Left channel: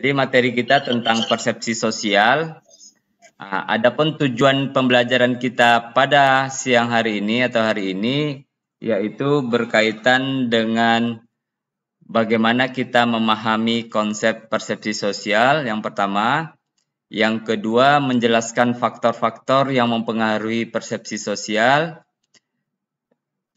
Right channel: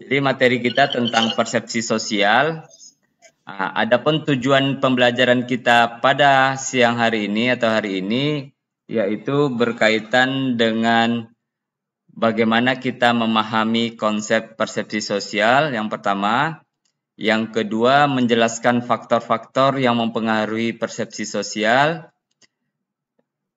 Jadi materi kita tentang persepsi sosial. Adapun tujuan pembelajaran kita pada siang hari ini atau hari ini yaitu berkaitan dengan bagaimana kita memahami konsep persepsi sosial yang pertama, yang kedua menjelaskan faktor-faktor yang mempengaruhi persepsi sosial,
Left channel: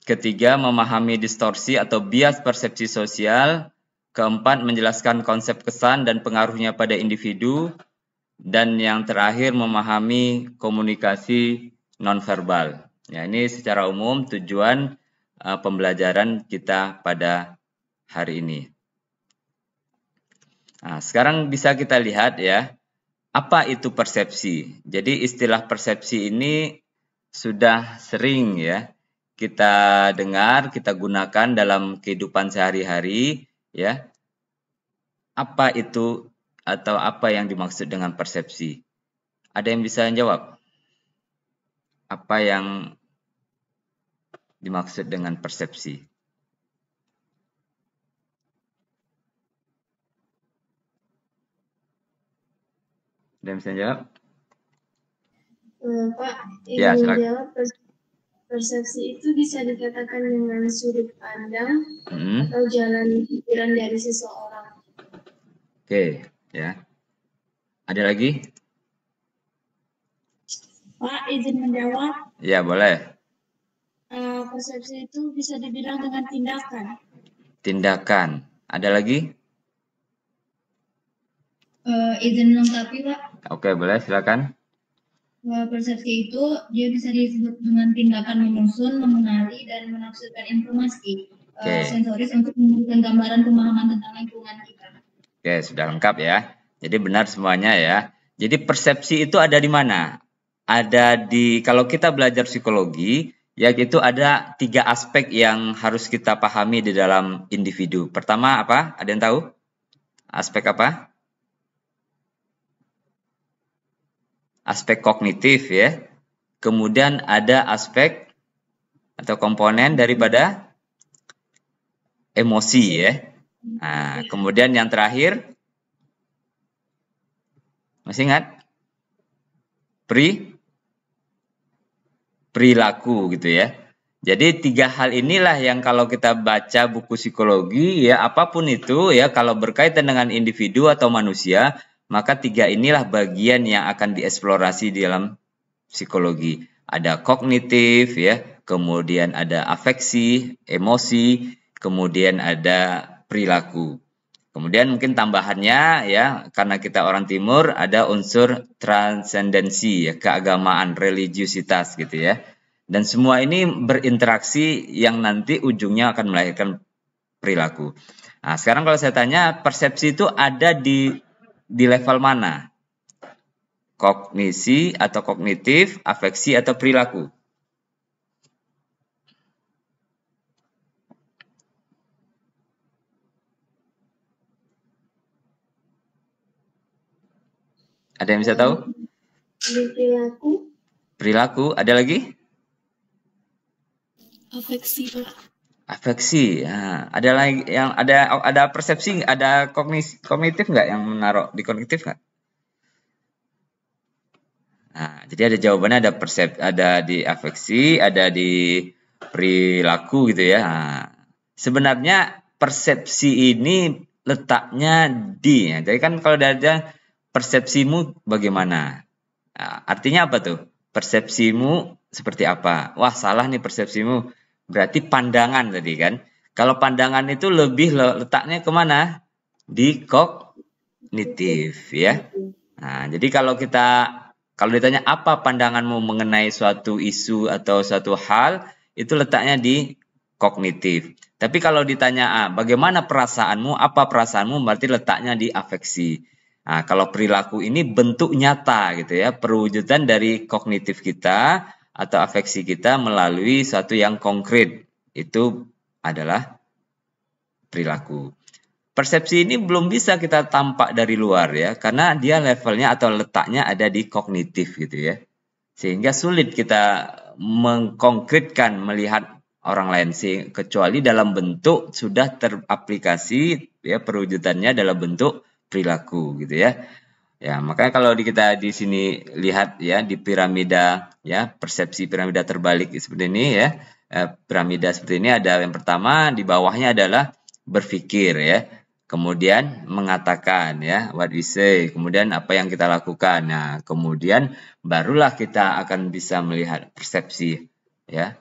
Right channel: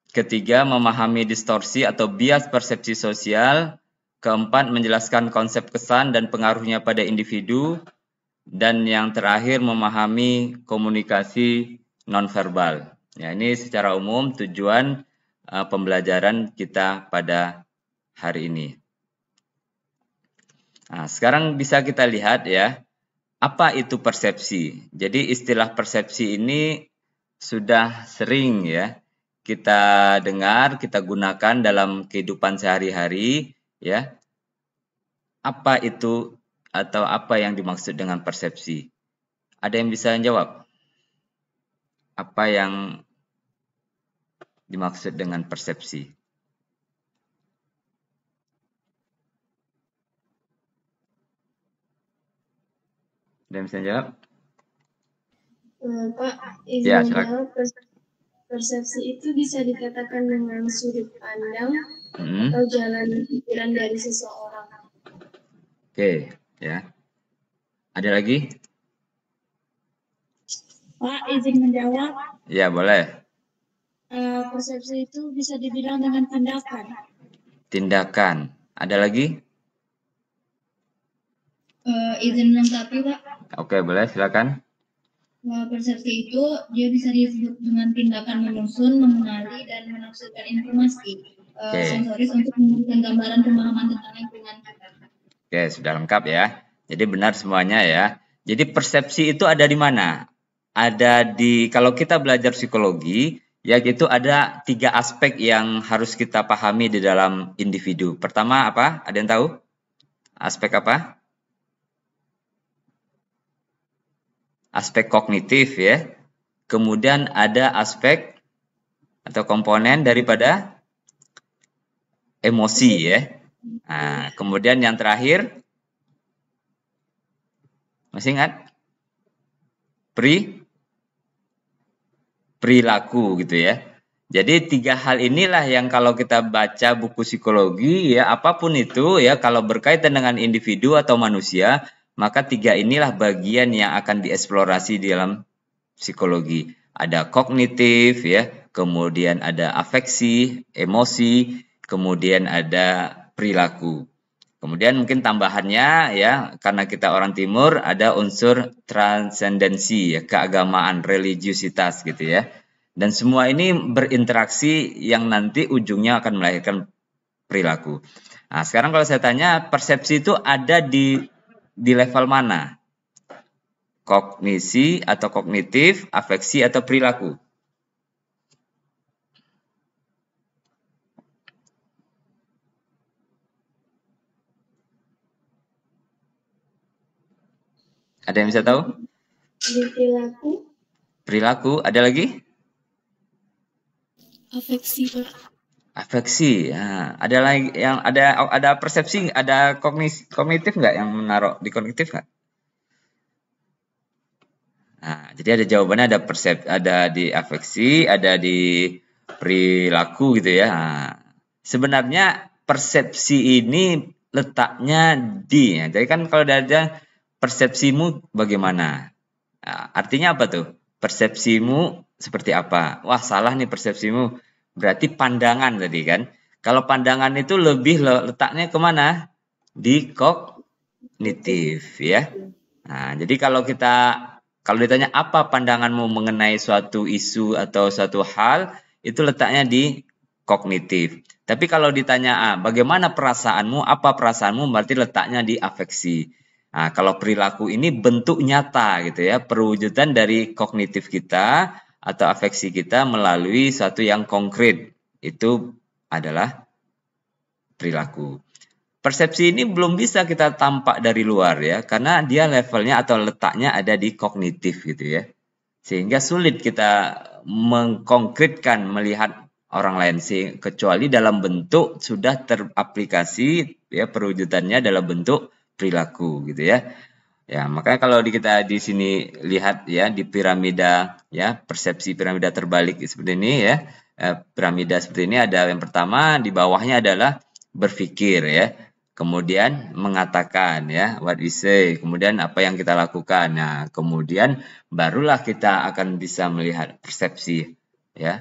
ketiga memahami distorsi atau bias persepsi sosial, keempat menjelaskan konsep kesan dan pengaruhnya pada individu, dan yang terakhir memahami komunikasi nonverbal. Ya, ini secara umum tujuan pembelajaran kita pada hari ini. Nah, sekarang bisa kita lihat ya, apa itu persepsi. Jadi istilah persepsi ini sudah sering ya kita dengar, kita gunakan dalam kehidupan sehari-hari ya. Apa itu atau apa yang dimaksud dengan persepsi? Ada yang bisa jawab? Apa yang dimaksud dengan persepsi? Dan bisa jawab? Pak, izin menjawab, persepsi itu bisa dikatakan dengan sudut pandang atau jalan pikiran dari seseorang. Oke, ya. Ada lagi? Pak, izin menjawab. Ya, boleh. Persepsi itu bisa dibilang dengan tindakan. Tindakan. Ada lagi? Izin melengkapi, Pak. Oke, boleh, silakan. Persepsi itu dia bisa disebut dengan tindakan menyusun, mengenali, dan menafsirkan informasi sensoris untuk memberikan gambaran pemahaman tentang lingkungan kita. Oke, sudah lengkap ya. Jadi benar semuanya ya. Jadi persepsi itu ada di mana? Ada di, kalau kita belajar psikologi, yaitu ada 3 aspek yang harus kita pahami di dalam individu. Pertama apa? Ada yang tahu? Aspek apa? Aspek kognitif ya. Kemudian ada aspek atau komponen daripada emosi ya. Nah, kemudian yang terakhir, masih ingat? Perilaku gitu ya. Jadi 3 hal inilah yang kalau kita baca buku psikologi ya apapun itu ya kalau berkaitan dengan individu atau manusia, maka 3 inilah bagian yang akan dieksplorasi di dalam psikologi. Ada kognitif ya, kemudian ada afeksi, emosi, kemudian ada perilaku. Kemudian mungkin tambahannya ya, karena kita orang timur ada unsur transendensi ya, keagamaan, religiusitas gitu ya. Dan semua ini berinteraksi yang nanti ujungnya akan melahirkan perilaku. Nah, sekarang kalau saya tanya, persepsi itu ada di level mana? Kognisi atau kognitif, afeksi atau perilaku? Ada yang bisa tahu? Perilaku. Perilaku. Ada lagi? Afeksi, Pak. Afeksi. Nah, ada lagi yang ada persepsi, ada kognitif nggak yang menaruh di kognitif nggak? Nah, jadi ada jawabannya, ada persepsi, ada di afeksi, ada di perilaku gitu ya. Nah, sebenarnya persepsi ini letaknya di, ya. Jadi kan kalau ada persepsimu bagaimana? Nah, artinya apa tuh? Persepsimu seperti apa? Wah, salah ini persepsimu. Berarti pandangan tadi kan. Kalau pandangan itu lebih letaknya kemana? Di kognitif ya. Nah, jadi kalau ditanya apa pandanganmu mengenai suatu isu atau suatu hal, itu letaknya di kognitif. Tapi kalau ditanya bagaimana perasaanmu, apa perasaanmu, berarti letaknya di afeksi. Nah, kalau perilaku ini bentuk nyata gitu ya, perwujudan dari kognitif kita atau afeksi kita melalui satu yang konkret. Itu adalah perilaku. Persepsi ini belum bisa kita tampak dari luar ya, karena dia levelnya atau letaknya ada di kognitif gitu ya. Sehingga sulit kita mengkonkretkan melihat orang lain sih, kecuali dalam bentuk sudah teraplikasi ya perwujudannya dalam bentuk perilaku gitu ya. Ya, makanya kalau kita di sini lihat ya di piramida ya, persepsi piramida terbalik seperti ini ya. Piramida seperti ini ada yang pertama, di bawahnya adalah berpikir ya. Kemudian mengatakan ya, what we say, kemudian apa yang kita lakukan. Nah, kemudian barulah kita akan bisa melihat persepsi ya.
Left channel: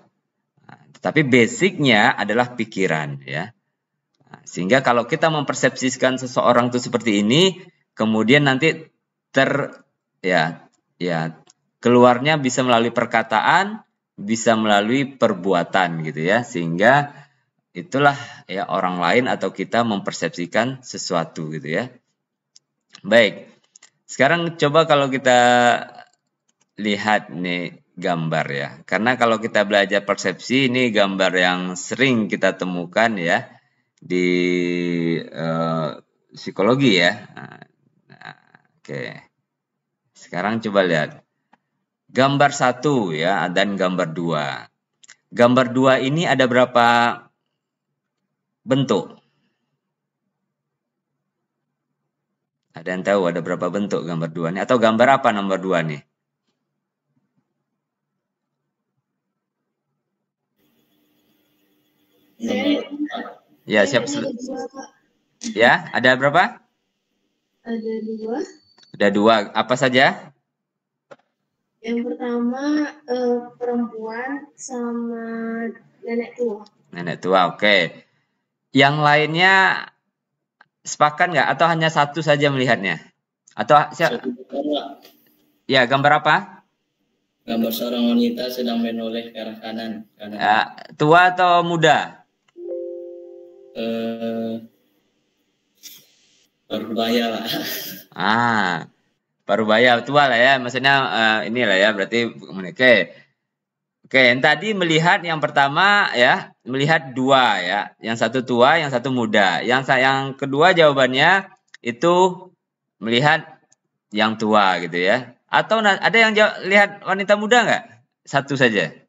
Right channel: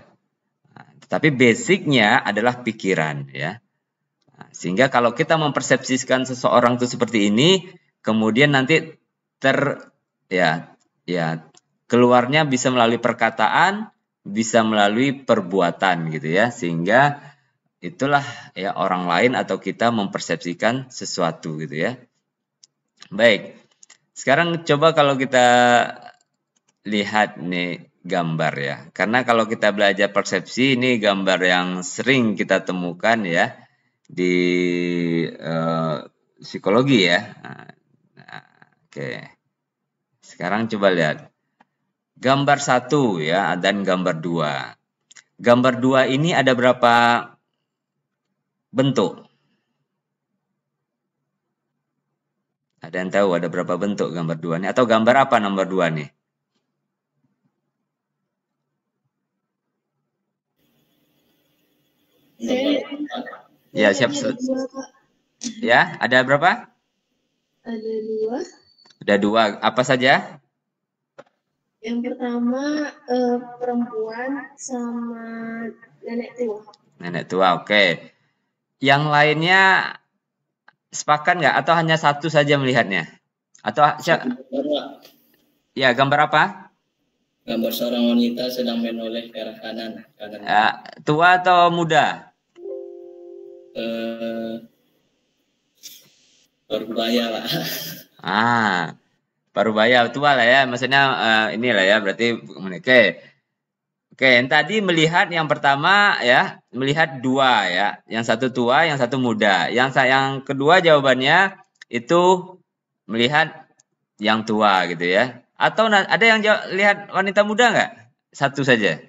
Nah, tapi basicnya adalah pikiran ya. Nah, sehingga kalau kita mempersepsikan seseorang itu seperti ini, kemudian nanti keluarnya bisa melalui perkataan, bisa melalui perbuatan gitu ya, sehingga itulah ya orang lain atau kita mempersepsikan sesuatu gitu ya. Baik, sekarang coba kalau kita lihat nih gambar ya, karena kalau kita belajar persepsi ini gambar yang sering kita temukan ya di psikologi ya. Oke, sekarang coba lihat gambar 1 ya dan gambar 2. Gambar 2 ini ada berapa bentuk? Ada yang tahu ada berapa bentuk gambar 2 ini? Atau gambar apa nomor 2 nih? Ya, siap. Ya, ada berapa? Ada 2. Ada 2. Apa saja? Yang pertama perempuan sama nenek tua. Nenek tua, oke. Yang lainnya sepakat nggak? Atau hanya satu saja melihatnya? Atau siapa? Ya, gambar apa? Gambar seorang wanita sedang menoleh ke arah kanan. Tua atau muda? Parubaya, Pak. Parubaya tua ya, maksudnya ini ya, berarti oke. Oke, tadi melihat yang pertama ya, melihat 2 ya, yang satu tua, yang satu muda. Yang kedua jawabannya itu melihat yang tua gitu ya. Atau ada yang lihat wanita muda nggak? Satu saja.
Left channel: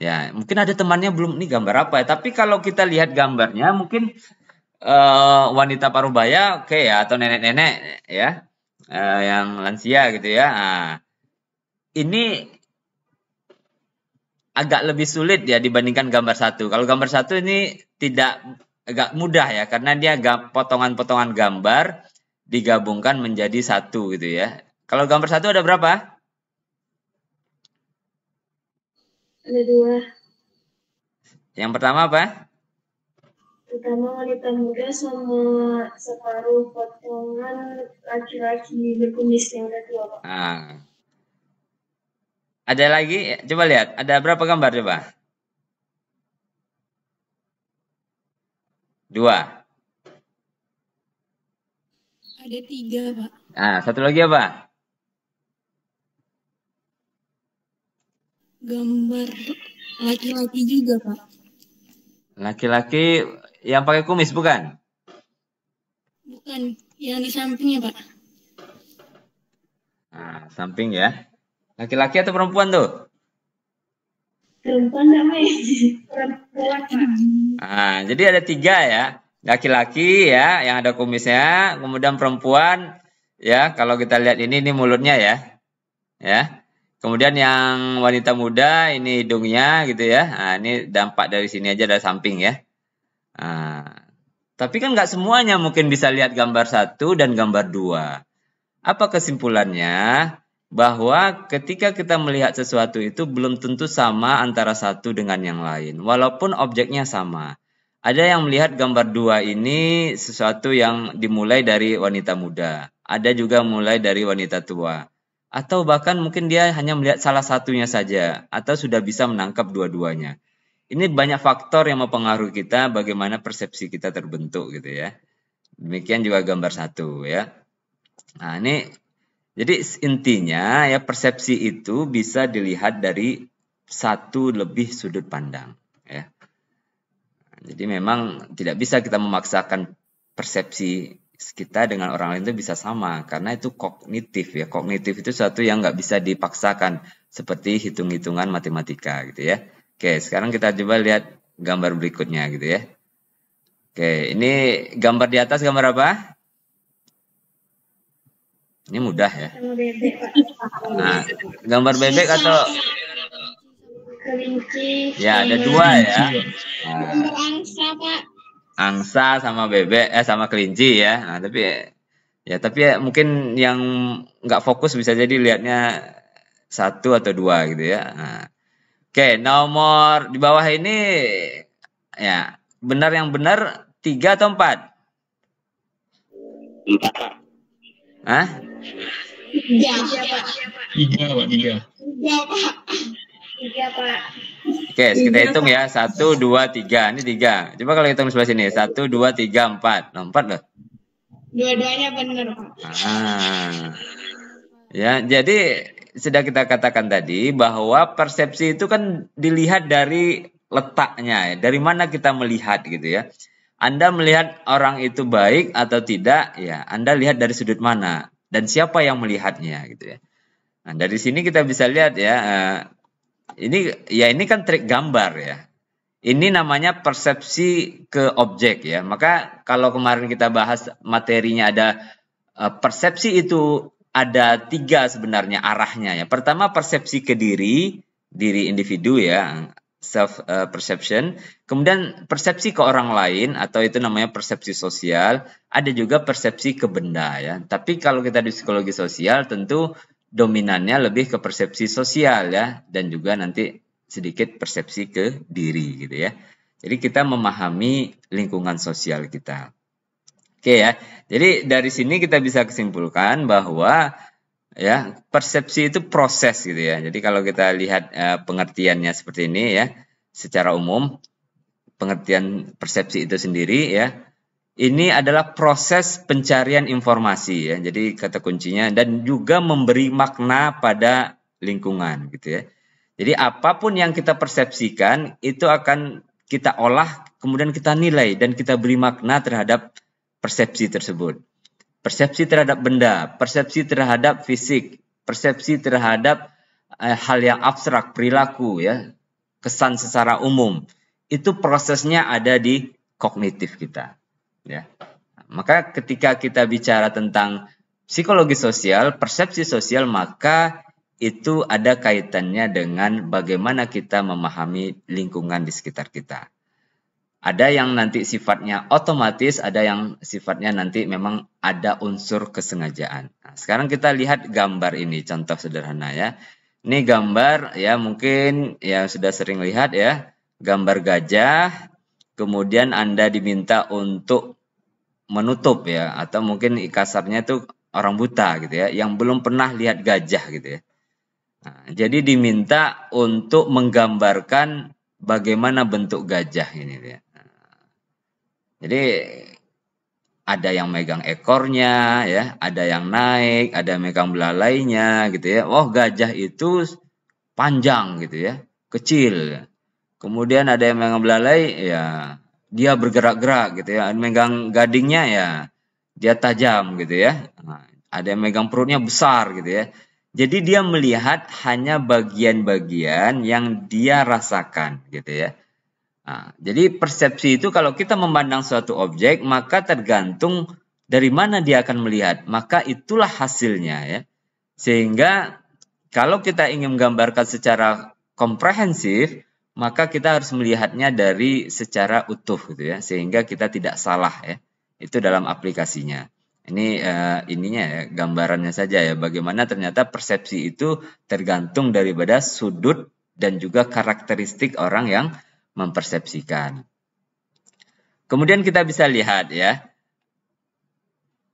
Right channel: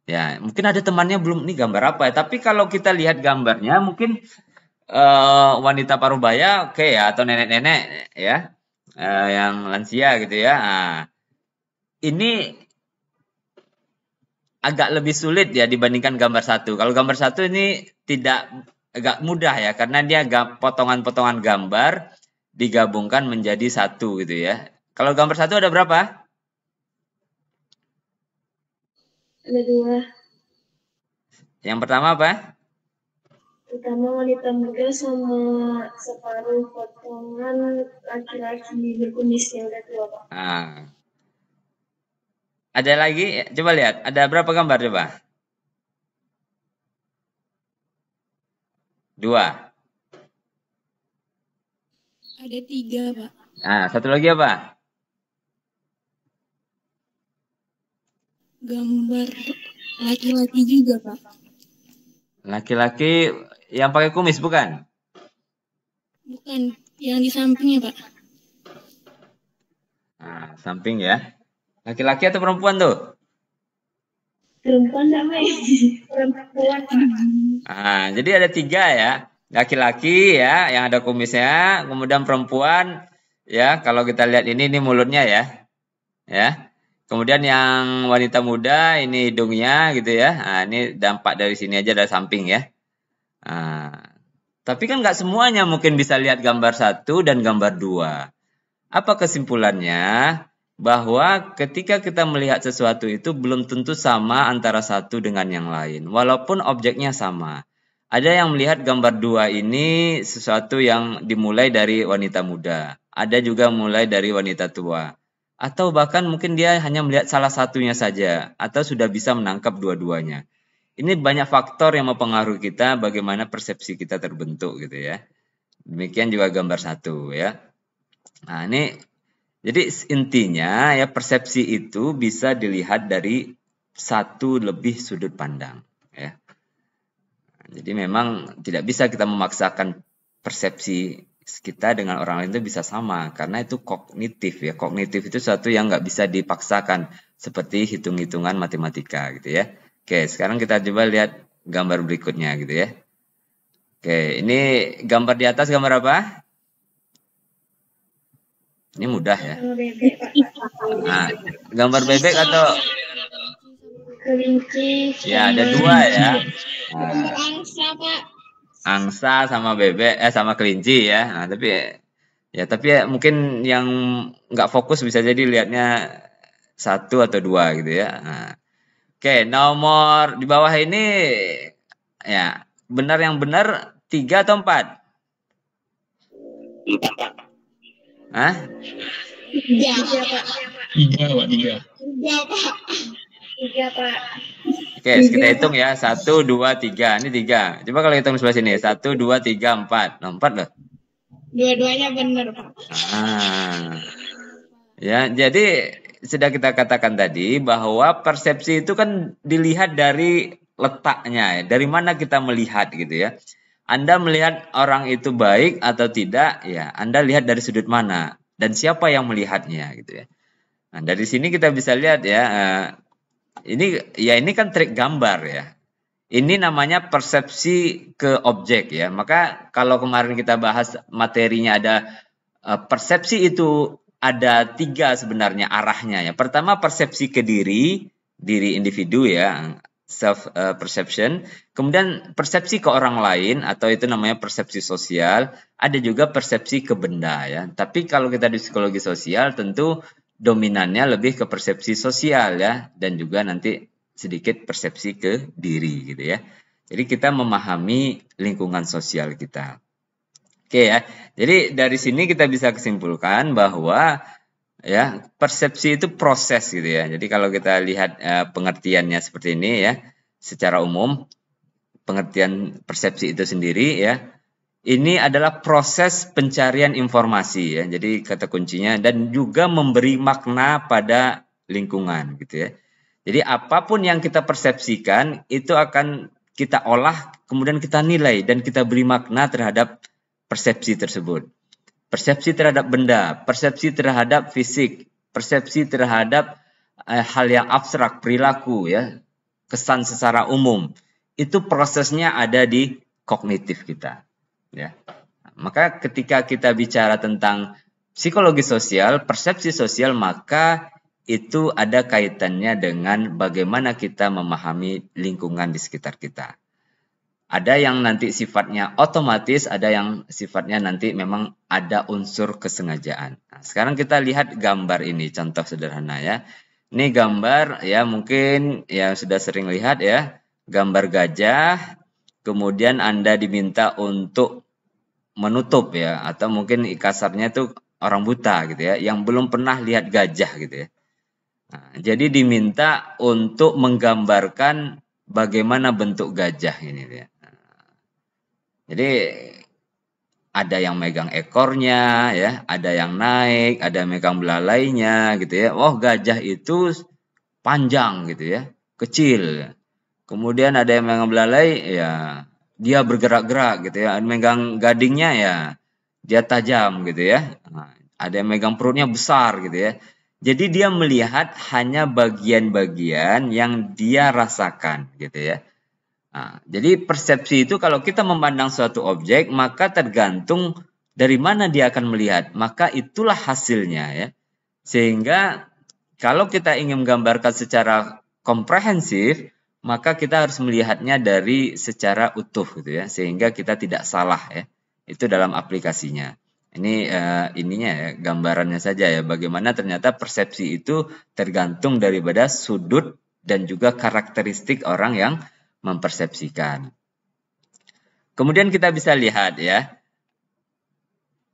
Ya, mungkin ada temannya belum ini gambar apa ya. Tapi kalau kita lihat gambarnya mungkin wanita parubaya oke ya, atau nenek-nenek ya. Yang lansia gitu ya. Nah, ini agak lebih sulit ya dibandingkan gambar 1. Kalau gambar 1 ini agak mudah ya, karena dia potongan-potongan gambar digabungkan menjadi satu gitu ya. Kalau gambar 1 ada berapa? Ada 2. Yang pertama apa? Pertama wanita muda sama separuh potongan laki-laki berkumis yang udah tua, Pak. Ada lagi? Coba lihat. Ada berapa gambar coba? 2. Ada 3, Pak. Satu lagi apa? Gambar laki-laki juga, Pak. Laki-laki yang pakai kumis bukan? Bukan, yang di sampingnya, Pak. Samping ya. Laki-laki atau perempuan tuh? Perempuan enggak, Mai. Perempuan, Pak. Jadi ada 3 ya. Laki-laki ya yang ada kumisnya, kemudian perempuan ya, kalau kita lihat ini mulutnya ya. Ya. Kemudian yang wanita muda ini hidungnya gitu ya. Ini dampak dari sini aja dari samping ya. Tapi kan nggak semuanya mungkin bisa lihat gambar 1 dan gambar 2. Apa kesimpulannya? Bahwa ketika kita melihat sesuatu itu belum tentu sama antara satu dengan yang lain, walaupun objeknya sama. Ada yang melihat gambar 2 ini sesuatu yang dimulai dari wanita muda, ada juga mulai dari wanita tua, atau bahkan mungkin dia hanya melihat salah satunya saja, atau sudah bisa menangkap dua-duanya. Ini banyak faktor yang mempengaruhi kita bagaimana persepsi kita terbentuk gitu ya. Demikian juga gambar 1 ya. Nah, ini jadi intinya ya persepsi itu bisa dilihat dari satu lebih sudut pandang ya. Jadi memang tidak bisa kita memaksakan persepsi kita dengan orang lain itu bisa sama, karena itu kognitif ya. Kognitif itu sesuatu yang nggak bisa dipaksakan seperti hitung-hitungan matematika gitu ya. Oke, sekarang kita coba lihat gambar berikutnya gitu ya. Oke, ini gambar di atas gambar apa? Ini mudah ya. Sama bebek, Pak. Nah, gambar bebek atau Kelinci. ya ada dua ya. Nah, Gambar angsa, Pak. angsa sama bebek sama kelinci ya. Nah, tapi mungkin yang nggak fokus bisa jadi lihatnya satu atau dua gitu ya. Nah, oke, nomor di bawah ini ya benar yang benar 3 atau 4? 4, Pak. Hah? 3, Pak. 3, Pak. 3. 3, Pak. 3, Pak. Oke, kita hitung ya. 1, 2, 3. Ini 3. Coba kalau hitung dulu sini. 1, 2, 3, 4. Nomor 4 nggak? Dua-duanya benar, Pak. Ya, jadi sudah kita katakan tadi bahwa persepsi itu kan dilihat dari letaknya, dari mana kita melihat gitu ya. Anda melihat orang itu baik atau tidak, ya Anda lihat dari sudut mana dan siapa yang melihatnya gitu ya. Nah, dari sini kita bisa lihat ya, ini kan trik gambar ya. Ini namanya persepsi ke objek ya. Maka kalau kemarin kita bahas materinya ada persepsi itu ada 3 sebenarnya arahnya ya. Pertama persepsi ke diri individu ya, self perception. Kemudian persepsi ke orang lain atau itu namanya persepsi sosial. Ada juga persepsi ke benda ya. Tapi kalau kita dari psikologi sosial tentu dominannya lebih ke persepsi sosial ya, dan juga nanti sedikit persepsi ke diri gitu ya. Jadi kita memahami lingkungan sosial kita. Oke ya. Jadi dari sini kita bisa kesimpulan bahwa ya persepsi itu proses gitu ya. Jadi kalau kita lihat pengertiannya seperti ini ya, secara umum pengertian persepsi itu sendiri ya, ini adalah proses pencarian informasi ya. Jadi kata kuncinya dan juga memberi makna pada lingkungan gitu ya. Jadi apapun yang kita persepsikan itu akan kita olah, kemudian kita nilai dan kita beri makna terhadap persepsi tersebut. Persepsi terhadap benda, persepsi terhadap fisik, persepsi terhadap hal yang abstrak, perilaku ya, kesan secara umum. Itu prosesnya ada di kognitif kita. Ya. Maka ketika kita bicara tentang psikologi sosial, persepsi sosial, maka itu ada kaitannya dengan bagaimana kita memahami lingkungan di sekitar kita. Ada yang nanti sifatnya otomatis, ada yang sifatnya nanti memang ada unsur kesengajaan. Nah, sekarang kita lihat gambar ini, contoh sederhana ya. Ini gambar ya mungkin ya sudah sering lihat ya, gambar gajah. Kemudian Anda diminta untuk menutup ya, atau mungkin kasarnya itu orang buta gitu ya, yang belum pernah lihat gajah gitu ya. Nah, jadi diminta untuk menggambarkan bagaimana bentuk gajah ini. Jadi ada yang megang ekornya ya, ada yang naik, ada yang megang belalainya gitu ya. Oh, gajah itu panjang gitu ya, kecil. Kemudian ada yang megang belalai ya, dia bergerak-gerak gitu ya. Megang gadingnya ya, dia tajam gitu ya. Nah, ada yang megang perutnya besar gitu ya. Jadi dia melihat hanya bagian-bagian yang dia rasakan gitu ya. Nah, jadi persepsi itu kalau kita memandang suatu objek, maka tergantung dari mana dia akan melihat, maka itulah hasilnya ya. Sehingga kalau kita ingin menggambarkan secara komprehensif, maka kita harus melihatnya dari secara utuh ya, sehingga kita tidak salah ya. Itu dalam aplikasinya. Ini ininya ya, gambarannya saja ya, bagaimana ternyata persepsi itu tergantung daripada sudut dan juga karakteristik orang yang mempersepsikan. Kemudian kita bisa lihat ya,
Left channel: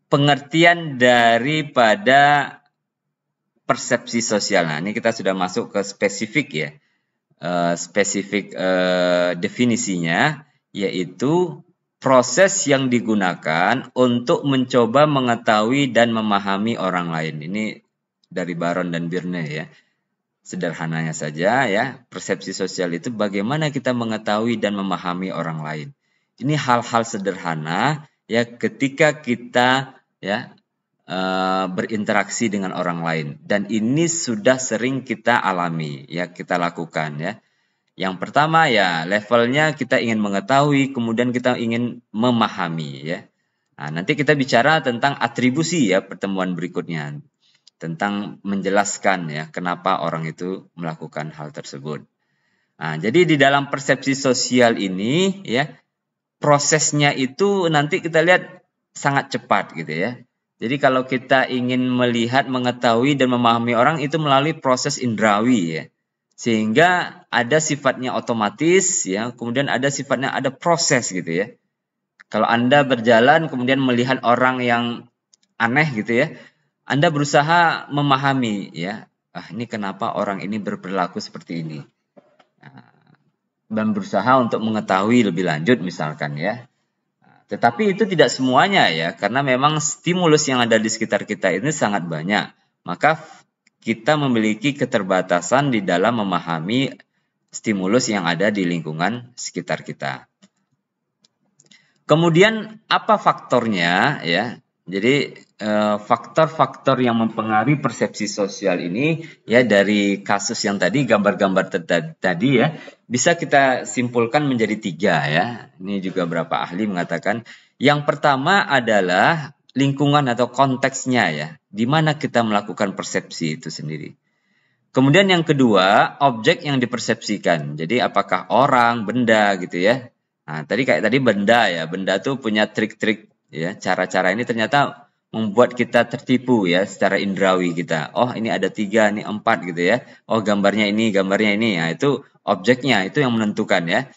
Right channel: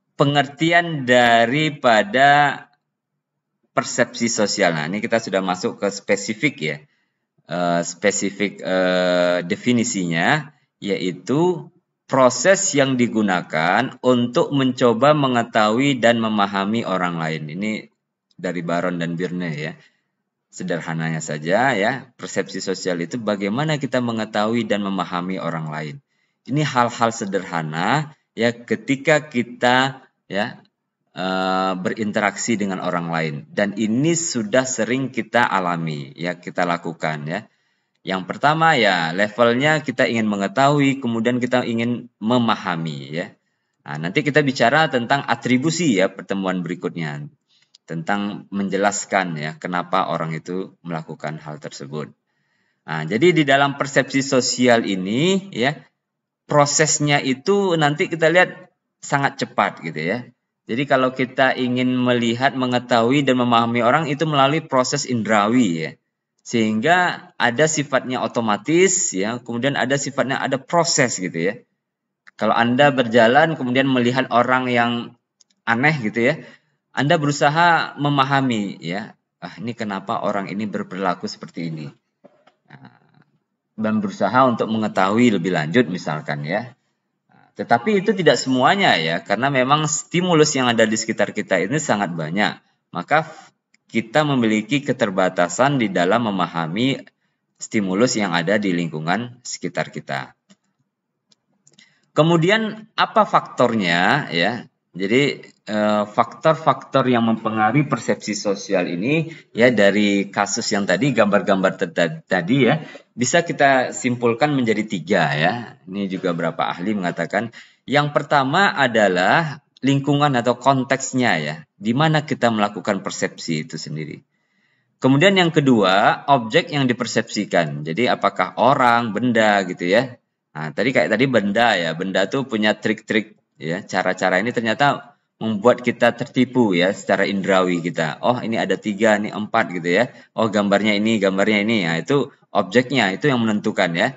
pengertian daripada persepsi sosial. Nah, ini kita sudah masuk ke spesifik ya, definisinya, yaitu proses yang digunakan untuk mencoba mengetahui dan memahami orang lain. Ini dari Baron dan Birne ya. Sederhananya saja ya, persepsi sosial itu bagaimana kita mengetahui dan memahami orang lain. Ini hal-hal sederhana ya, ketika kita ya berinteraksi dengan orang lain, dan ini sudah sering kita alami ya, kita lakukan ya. Yang pertama ya levelnya kita ingin mengetahui, kemudian kita ingin memahami ya. Nah, nanti kita bicara tentang atribusi ya pertemuan berikutnya, tentang menjelaskan ya kenapa orang itu melakukan hal tersebut. Nah, jadi di dalam persepsi sosial ini ya prosesnya itu nanti kita lihat sangat cepat gitu ya. Jadi kalau kita ingin melihat, mengetahui dan memahami orang itu melalui proses indrawi ya. Sehingga ada sifatnya otomatis ya, kemudian ada sifatnya ada proses gitu ya. Kalau Anda berjalan kemudian melihat orang yang aneh gitu ya, Anda berusaha memahami ya, ini kenapa orang ini berperilaku seperti ini. Dan berusaha untuk mengetahui lebih lanjut misalkan ya. Tetapi itu tidak semuanya ya, karena memang stimulus yang ada di sekitar kita ini sangat banyak. Maka kita memiliki keterbatasan di dalam memahami stimulus yang ada di lingkungan sekitar kita. Kemudian apa faktornya ya? Jadi faktor-faktor yang mempengaruhi persepsi sosial ini ya dari kasus yang tadi, gambar-gambar tadi ya, bisa kita simpulkan menjadi 3 ya. Ini juga beberapa ahli mengatakan. Yang pertama adalah lingkungan atau konteksnya ya, di mana kita melakukan persepsi itu sendiri. Kemudian yang kedua, objek yang dipersepsikan. Jadi apakah orang, benda gitu ya. Nah, tadi kayak tadi benda ya, benda itu punya trik-trik ya, cara-cara ini ternyata membuat kita tertipu ya secara indrawi kita. Oh, ini ada 3, ini 4 gitu ya. Oh, gambarnya ini. Nah, itu objeknya, itu yang menentukan ya.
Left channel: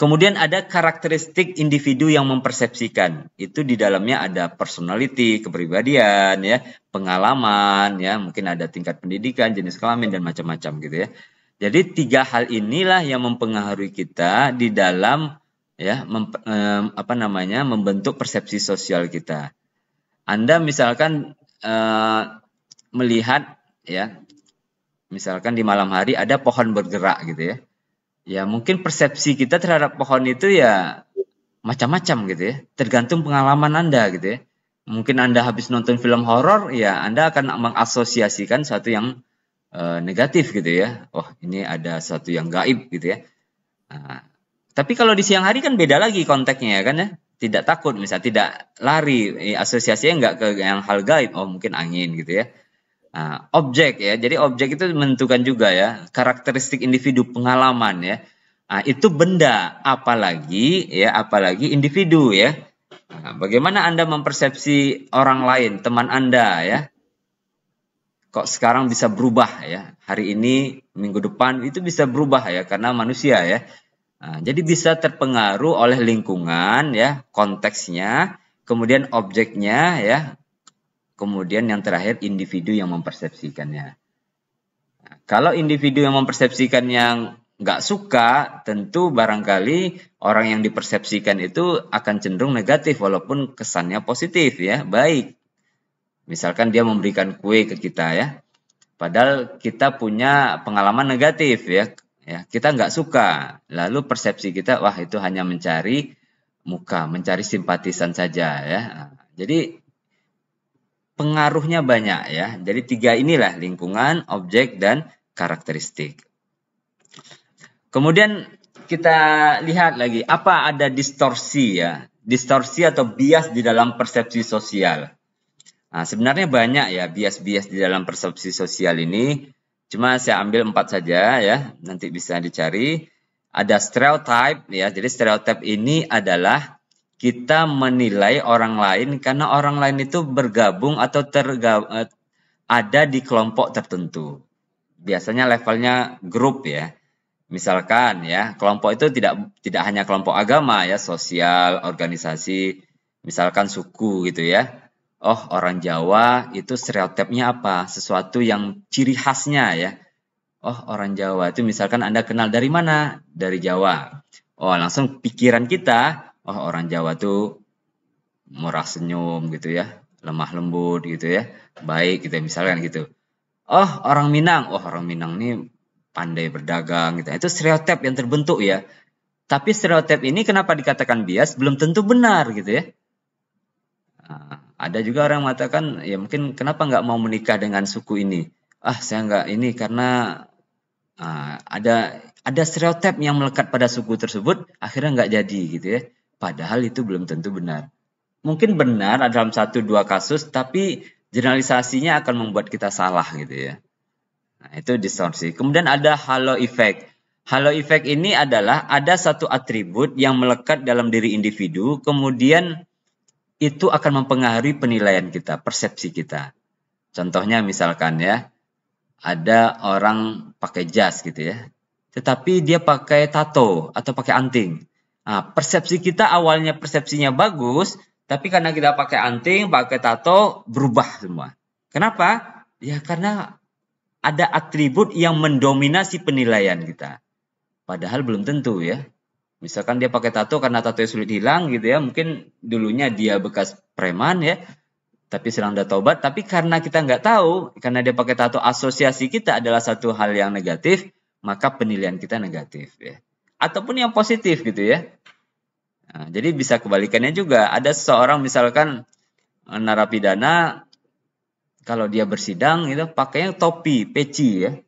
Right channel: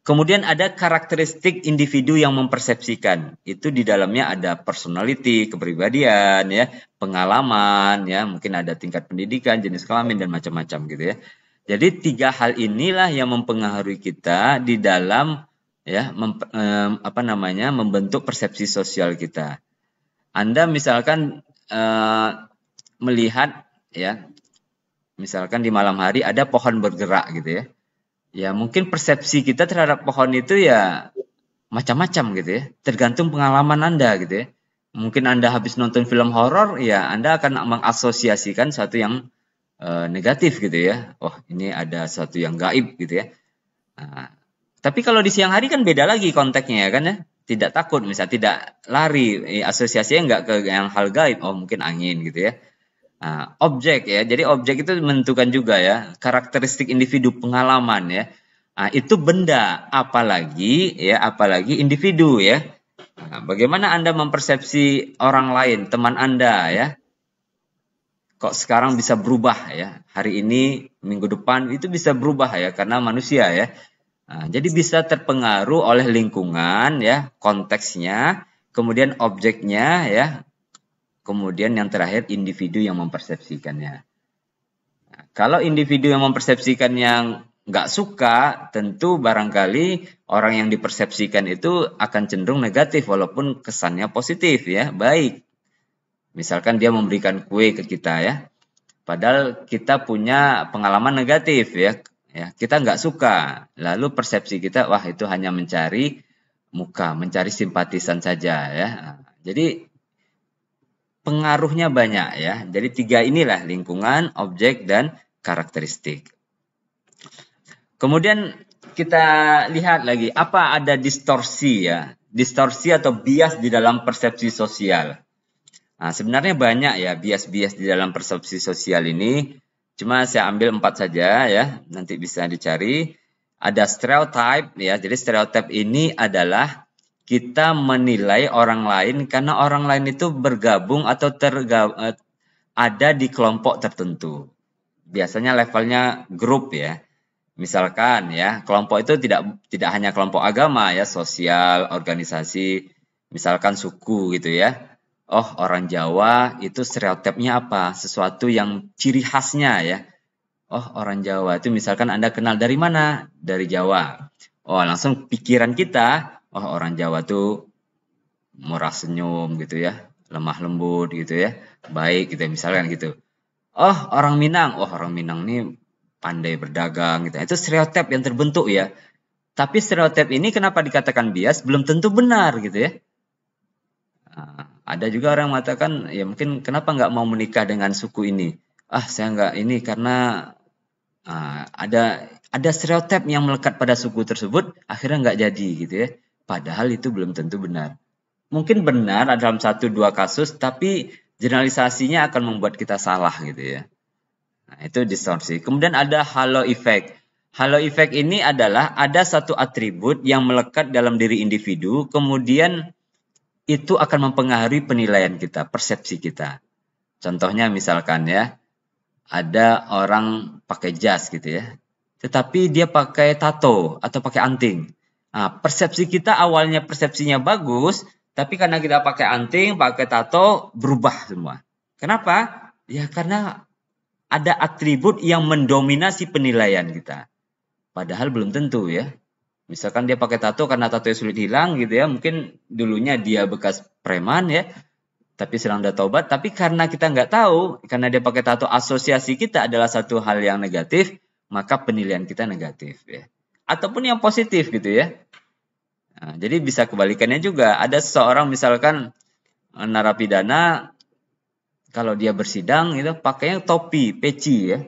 Kemudian ada karakteristik individu yang mempersepsikan. Itu di dalamnya ada personality, kepribadian ya, pengalaman ya, mungkin ada tingkat pendidikan, jenis kelamin dan macam-macam gitu ya. Jadi 3 hal inilah yang mempengaruhi kita di dalam ya membentuk persepsi sosial kita. Anda misalkan melihat ya, misalkan di malam hari ada pohon bergerak gitu ya. Ya mungkin persepsi kita terhadap pohon itu ya macam-macam gitu ya, tergantung pengalaman Anda gitu ya. Mungkin Anda habis nonton film horor ya Anda akan mengasosiasikan sesuatu yang negatif gitu ya. Oh, ini ada sesuatu yang gaib gitu ya. Nah, tapi kalau di siang hari kan beda lagi konteksnya kan ya. Tidak takut, misalnya tidak lari, asosiasinya enggak ke yang hal gaib, oh mungkin angin gitu ya. Nah, objek ya, jadi objek itu menentukan juga ya karakteristik individu, pengalaman ya. Nah, itu benda, apalagi individu ya. Nah, bagaimana Anda mempersepsi orang lain, teman Anda ya? Kok sekarang bisa berubah ya? Hari ini, minggu depan itu bisa berubah ya karena manusia ya. Nah, jadi bisa terpengaruh oleh lingkungan ya, konteksnya, kemudian objeknya ya, kemudian yang terakhir individu yang mempersepsikannya. Nah, kalau individu yang mempersepsikannya nggak suka, tentu barangkali orang yang dipersepsikan itu akan cenderung negatif walaupun kesannya positif ya, baik. Misalkan dia memberikan kue ke kita ya, padahal kita punya pengalaman negatif ya. Ya, kita nggak suka, lalu persepsi kita wah itu hanya mencari muka, mencari simpatisan saja ya. Jadi pengaruhnya banyak ya. Jadi 3 inilah lingkungan, objek dan karakteristik. Kemudian kita lihat lagi apa ada distorsi ya, distorsi atau bias di dalam persepsi sosial. Nah, sebenarnya banyak ya bias-bias di dalam persepsi sosial ini. Cuma saya ambil 4 saja ya, nanti bisa dicari. Ada stereotype ya, jadi stereotype ini adalah kita menilai orang lain karena orang lain itu bergabung atau ada di kelompok tertentu. Biasanya levelnya grup ya. Misalkan ya, kelompok itu tidak hanya kelompok agama ya, sosial, organisasi, misalkan suku gitu ya. Oh, orang Jawa itu stereotipnya apa? Sesuatu yang ciri khasnya ya. Oh, orang Jawa itu misalkan Anda kenal dari mana? Dari Jawa. Oh, langsung pikiran kita, oh orang Jawa itu murah senyum gitu ya, lemah lembut gitu ya, baik gitu misalnya gitu. Oh, orang Minang, orang Minang ini pandai berdagang. Itu stereotip yang terbentuk ya. Tapi stereotip ini kenapa dikatakan bias? Belum tentu benar gitu ya. Ada juga orang mengatakan ya mungkin kenapa nggak mau menikah dengan suku ini? Saya nggak ini karena ada ada stereotip yang melekat pada suku tersebut, akhirnya nggak jadi gitu ya. Padahal itu belum tentu benar. Mungkin benar dalam 1-2 kasus, tapi generalisasinya akan membuat kita salah gitu ya. Nah, itu distorsi. Kemudian ada halo effect. Halo effect ini adalah ada satu atribut yang melekat dalam diri individu, kemudian itu akan mempengaruhi penilaian kita, persepsi kita. Contohnya misalkan ya, ada orang pakai jas gitu ya, tetapi dia pakai tato atau pakai anting. Nah, persepsi kita awalnya persepsinya bagus, tapi karena kita pakai anting, pakai tato, berubah semua. Kenapa? Ya karena ada atribut yang mendominasi penilaian kita. Padahal belum tentu ya. Misalkan dia pakai tato karena tato sudah hilang gitu ya, mungkin dulunya dia bekas preman ya, tapi sekarang udah tobat, tapi karena kita nggak tahu, karena dia pakai tato, asosiasi kita adalah satu hal yang negatif, maka penilaian kita negatif ya. Ataupun yang positif gitu ya. Nah, jadi bisa kebalikannya juga. Ada seorang misalkan narapidana, kalau dia bersidang gitu pakai topi, peci ya.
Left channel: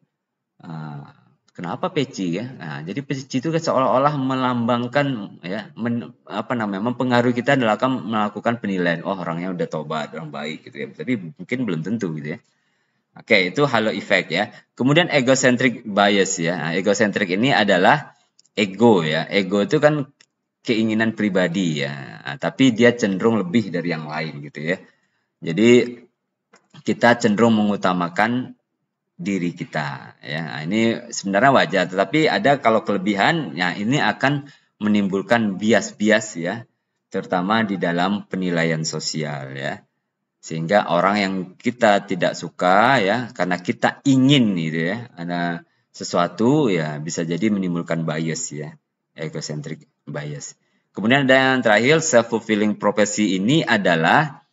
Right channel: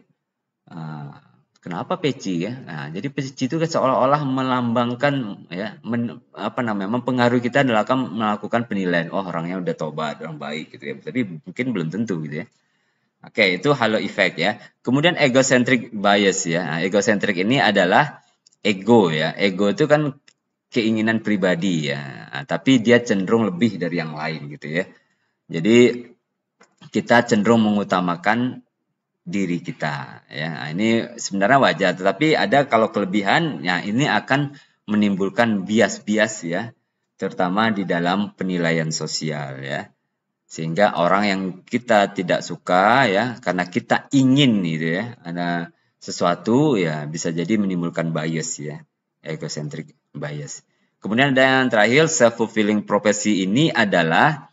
Kenapa peci ya? Nah, jadi peci itu seolah-olah melambangkan ya, mempengaruhi kita dalam melakukan penilaian orangnya udah tobat, orang baik gitu ya. Tapi mungkin belum tentu gitu ya. Oke, itu halo effect ya. Kemudian egocentric bias ya. Nah, egocentric ini adalah ego ya. Ego itu kan keinginan pribadi ya. Nah, tapi dia cenderung lebih dari yang lain gitu ya. Jadi kita cenderung mengutamakan diri kita ya. Ini sebenarnya wajar, tapi ada kalau kelebihan ya ini akan menimbulkan bias-bias ya, terutama di dalam penilaian sosial ya, sehingga orang yang kita tidak suka ya karena kita ingin gitu ya ada sesuatu ya bisa jadi menimbulkan bias ya, egocentric bias. Kemudian ada yang terakhir, self-fulfilling prophecy. Ini adalah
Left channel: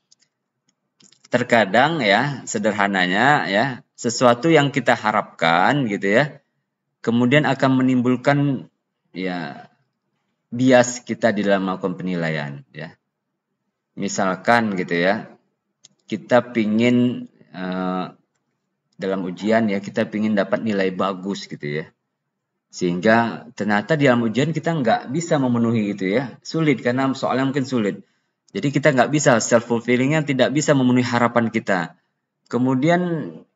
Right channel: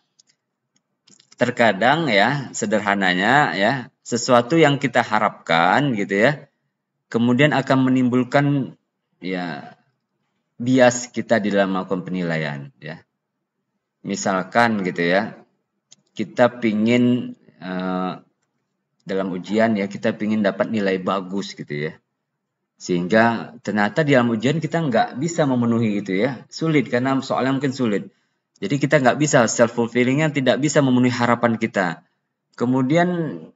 terkadang ya, sederhananya ya, sesuatu yang kita harapkan gitu ya, kemudian akan menimbulkan ya bias kita di dalam melakukan penilaian ya. Misalkan gitu ya, kita pingin dalam ujian ya, kita pingin dapat nilai bagus gitu ya, sehingga ternyata di dalam ujian kita nggak bisa memenuhi gitu ya, sulit karena soalnya mungkin sulit. Jadi kita nggak bisa self-fulfillingnya, tidak bisa memenuhi harapan kita. Kemudian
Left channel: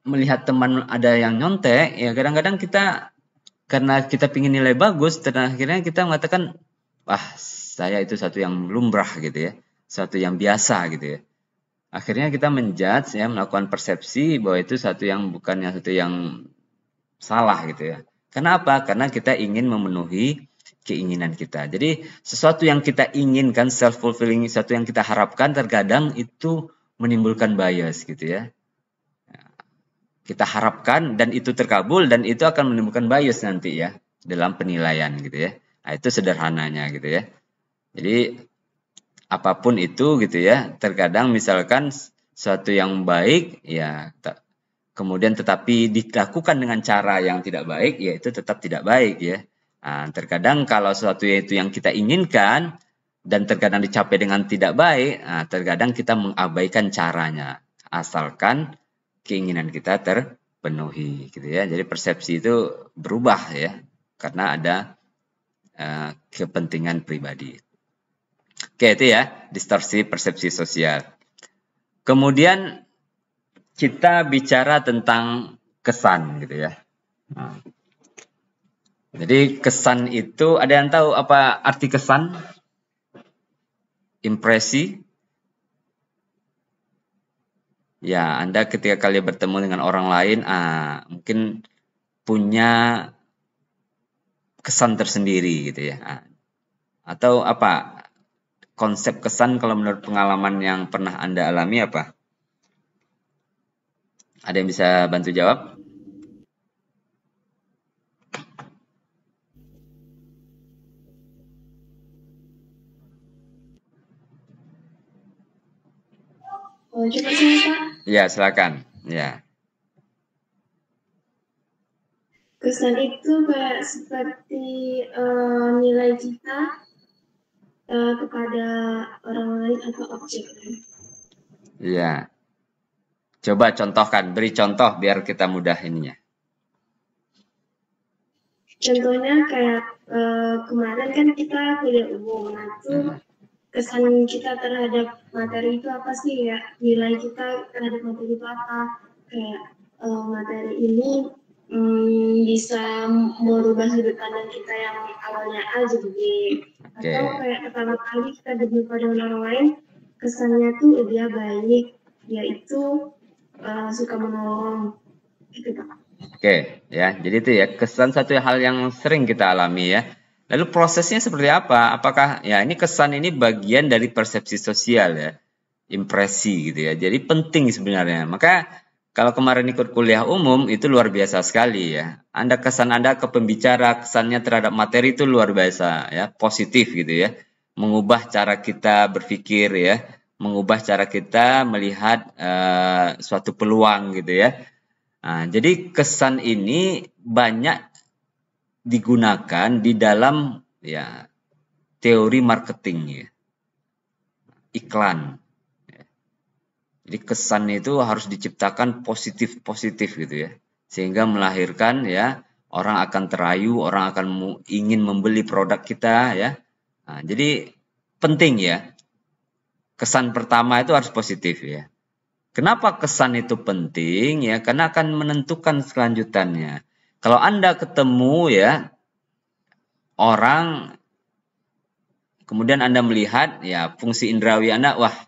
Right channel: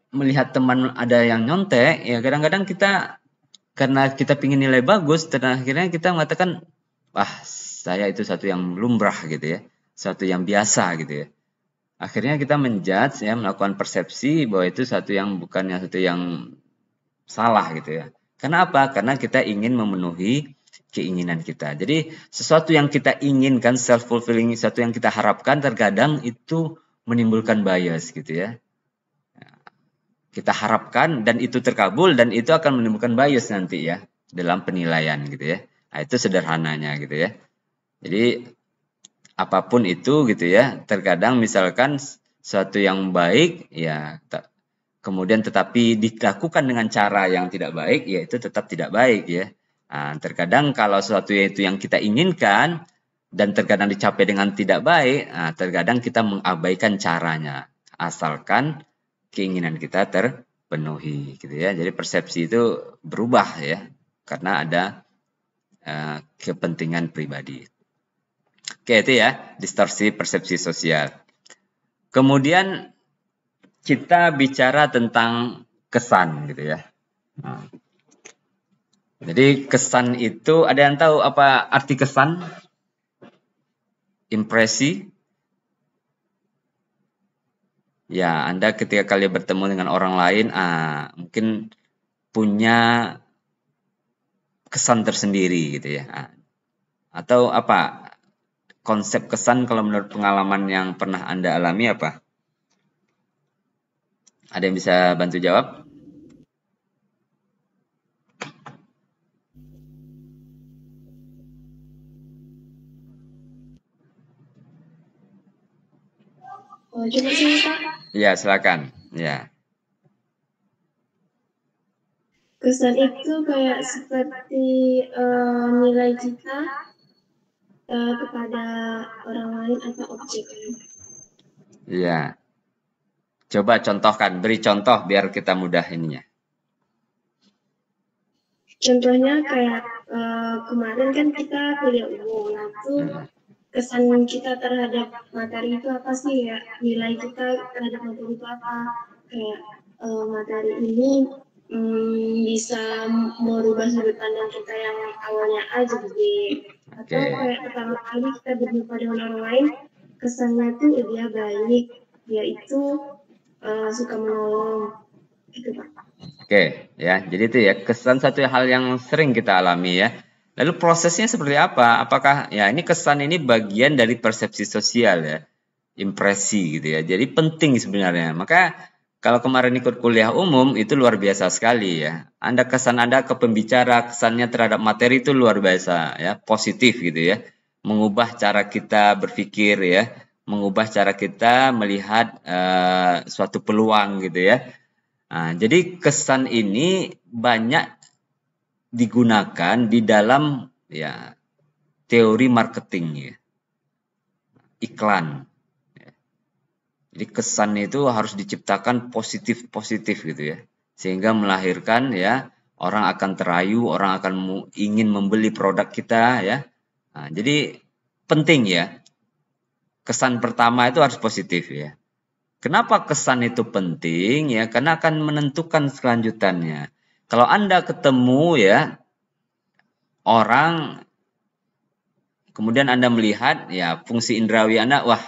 melihat teman ada yang nyontek, ya kadang-kadang kita karena kita ingin nilai bagus, dan akhirnya kita mengatakan, saya itu satu yang lumrah gitu ya, satu yang biasa gitu ya. Akhirnya kita menjudge ya, melakukan persepsi bahwa itu satu yang bukan satu yang salah gitu ya. Kenapa? Karena kita ingin memenuhi keinginan kita. Jadi sesuatu yang kita inginkan, self-fulfilling, sesuatu yang kita harapkan, terkadang itu menimbulkan bias gitu ya. Kita harapkan dan itu terkabul, dan itu akan menimbulkan bias nanti ya dalam penilaian gitu ya. Nah, itu sederhananya gitu ya. Jadi apapun itu gitu ya, terkadang misalkan sesuatu yang baik ya, kemudian tetapi dilakukan dengan cara yang tidak baik, ya itu tetap tidak baik ya. Nah, terkadang kalau sesuatu itu yang kita inginkan dan terkadang dicapai dengan tidak baik, terkadang kita mengabaikan caranya, asalkan keinginan kita terpenuhi gitu ya. Jadi persepsi itu berubah ya, karena ada kepentingan pribadi. Oke, itu ya, distorsi persepsi sosial. Kemudian kita bicara tentang kesan gitu ya. Jadi kesan itu, ada yang tahu apa arti kesan? Impresi? Ya, Anda ketika kali bertemu dengan orang lain, mungkin punya kesan tersendiri gitu ya. Atau apa? Konsep kesan kalau menurut pengalaman yang pernah Anda alami apa? Ada yang bisa bantu jawab? Coba sih Pak. Ya, silakan. Ya. Kesan itu kayak seperti nilai kita kepada orang lain atau objek. Ya. Coba contohkan, beri contoh biar kita mudah ini. Contohnya kayak kemarin kan kita kuliah umum, nah itu kesan kita terhadap materi itu apa sih ya? Nilai kita terhadap materi itu apa? Kayak materi ini bisa merubah sudut pandang kita yang awalnya A jadi B. Atau kayak pertama kali kita berjumpa dengan orang lain, kesannya tuh dia baik, dia itu suka menolong, gitu Pak. Oke, ya. Jadi itu ya kesan satu hal yang sering kita alami ya. Lalu prosesnya seperti apa? Apakah ya ini kesan ini bagian dari persepsi sosial ya, impresi gitu ya. Jadi penting sebenarnya. Maka kalau kemarin ikut kuliah umum itu luar biasa sekali ya. Anda kesan Anda ke pembicara kesannya terhadap materi itu luar biasa ya, positif gitu ya. Mengubah cara kita berpikir ya, mengubah cara kita melihat suatu peluang gitu ya. Nah, jadi kesan ini banyak digunakan di dalam ya teori marketing ya. Iklan. Jadi kesan itu harus diciptakan positif gitu ya. Sehingga melahirkan ya orang akan terayu, orang akan ingin membeli produk kita ya. Nah, jadi penting ya. Kesan pertama itu harus positif ya. Kenapa kesan itu penting ya? Karena akan menentukan kelanjutannya. Kalau Anda ketemu ya orang, kemudian Anda melihat ya fungsi indrawi Anda, wah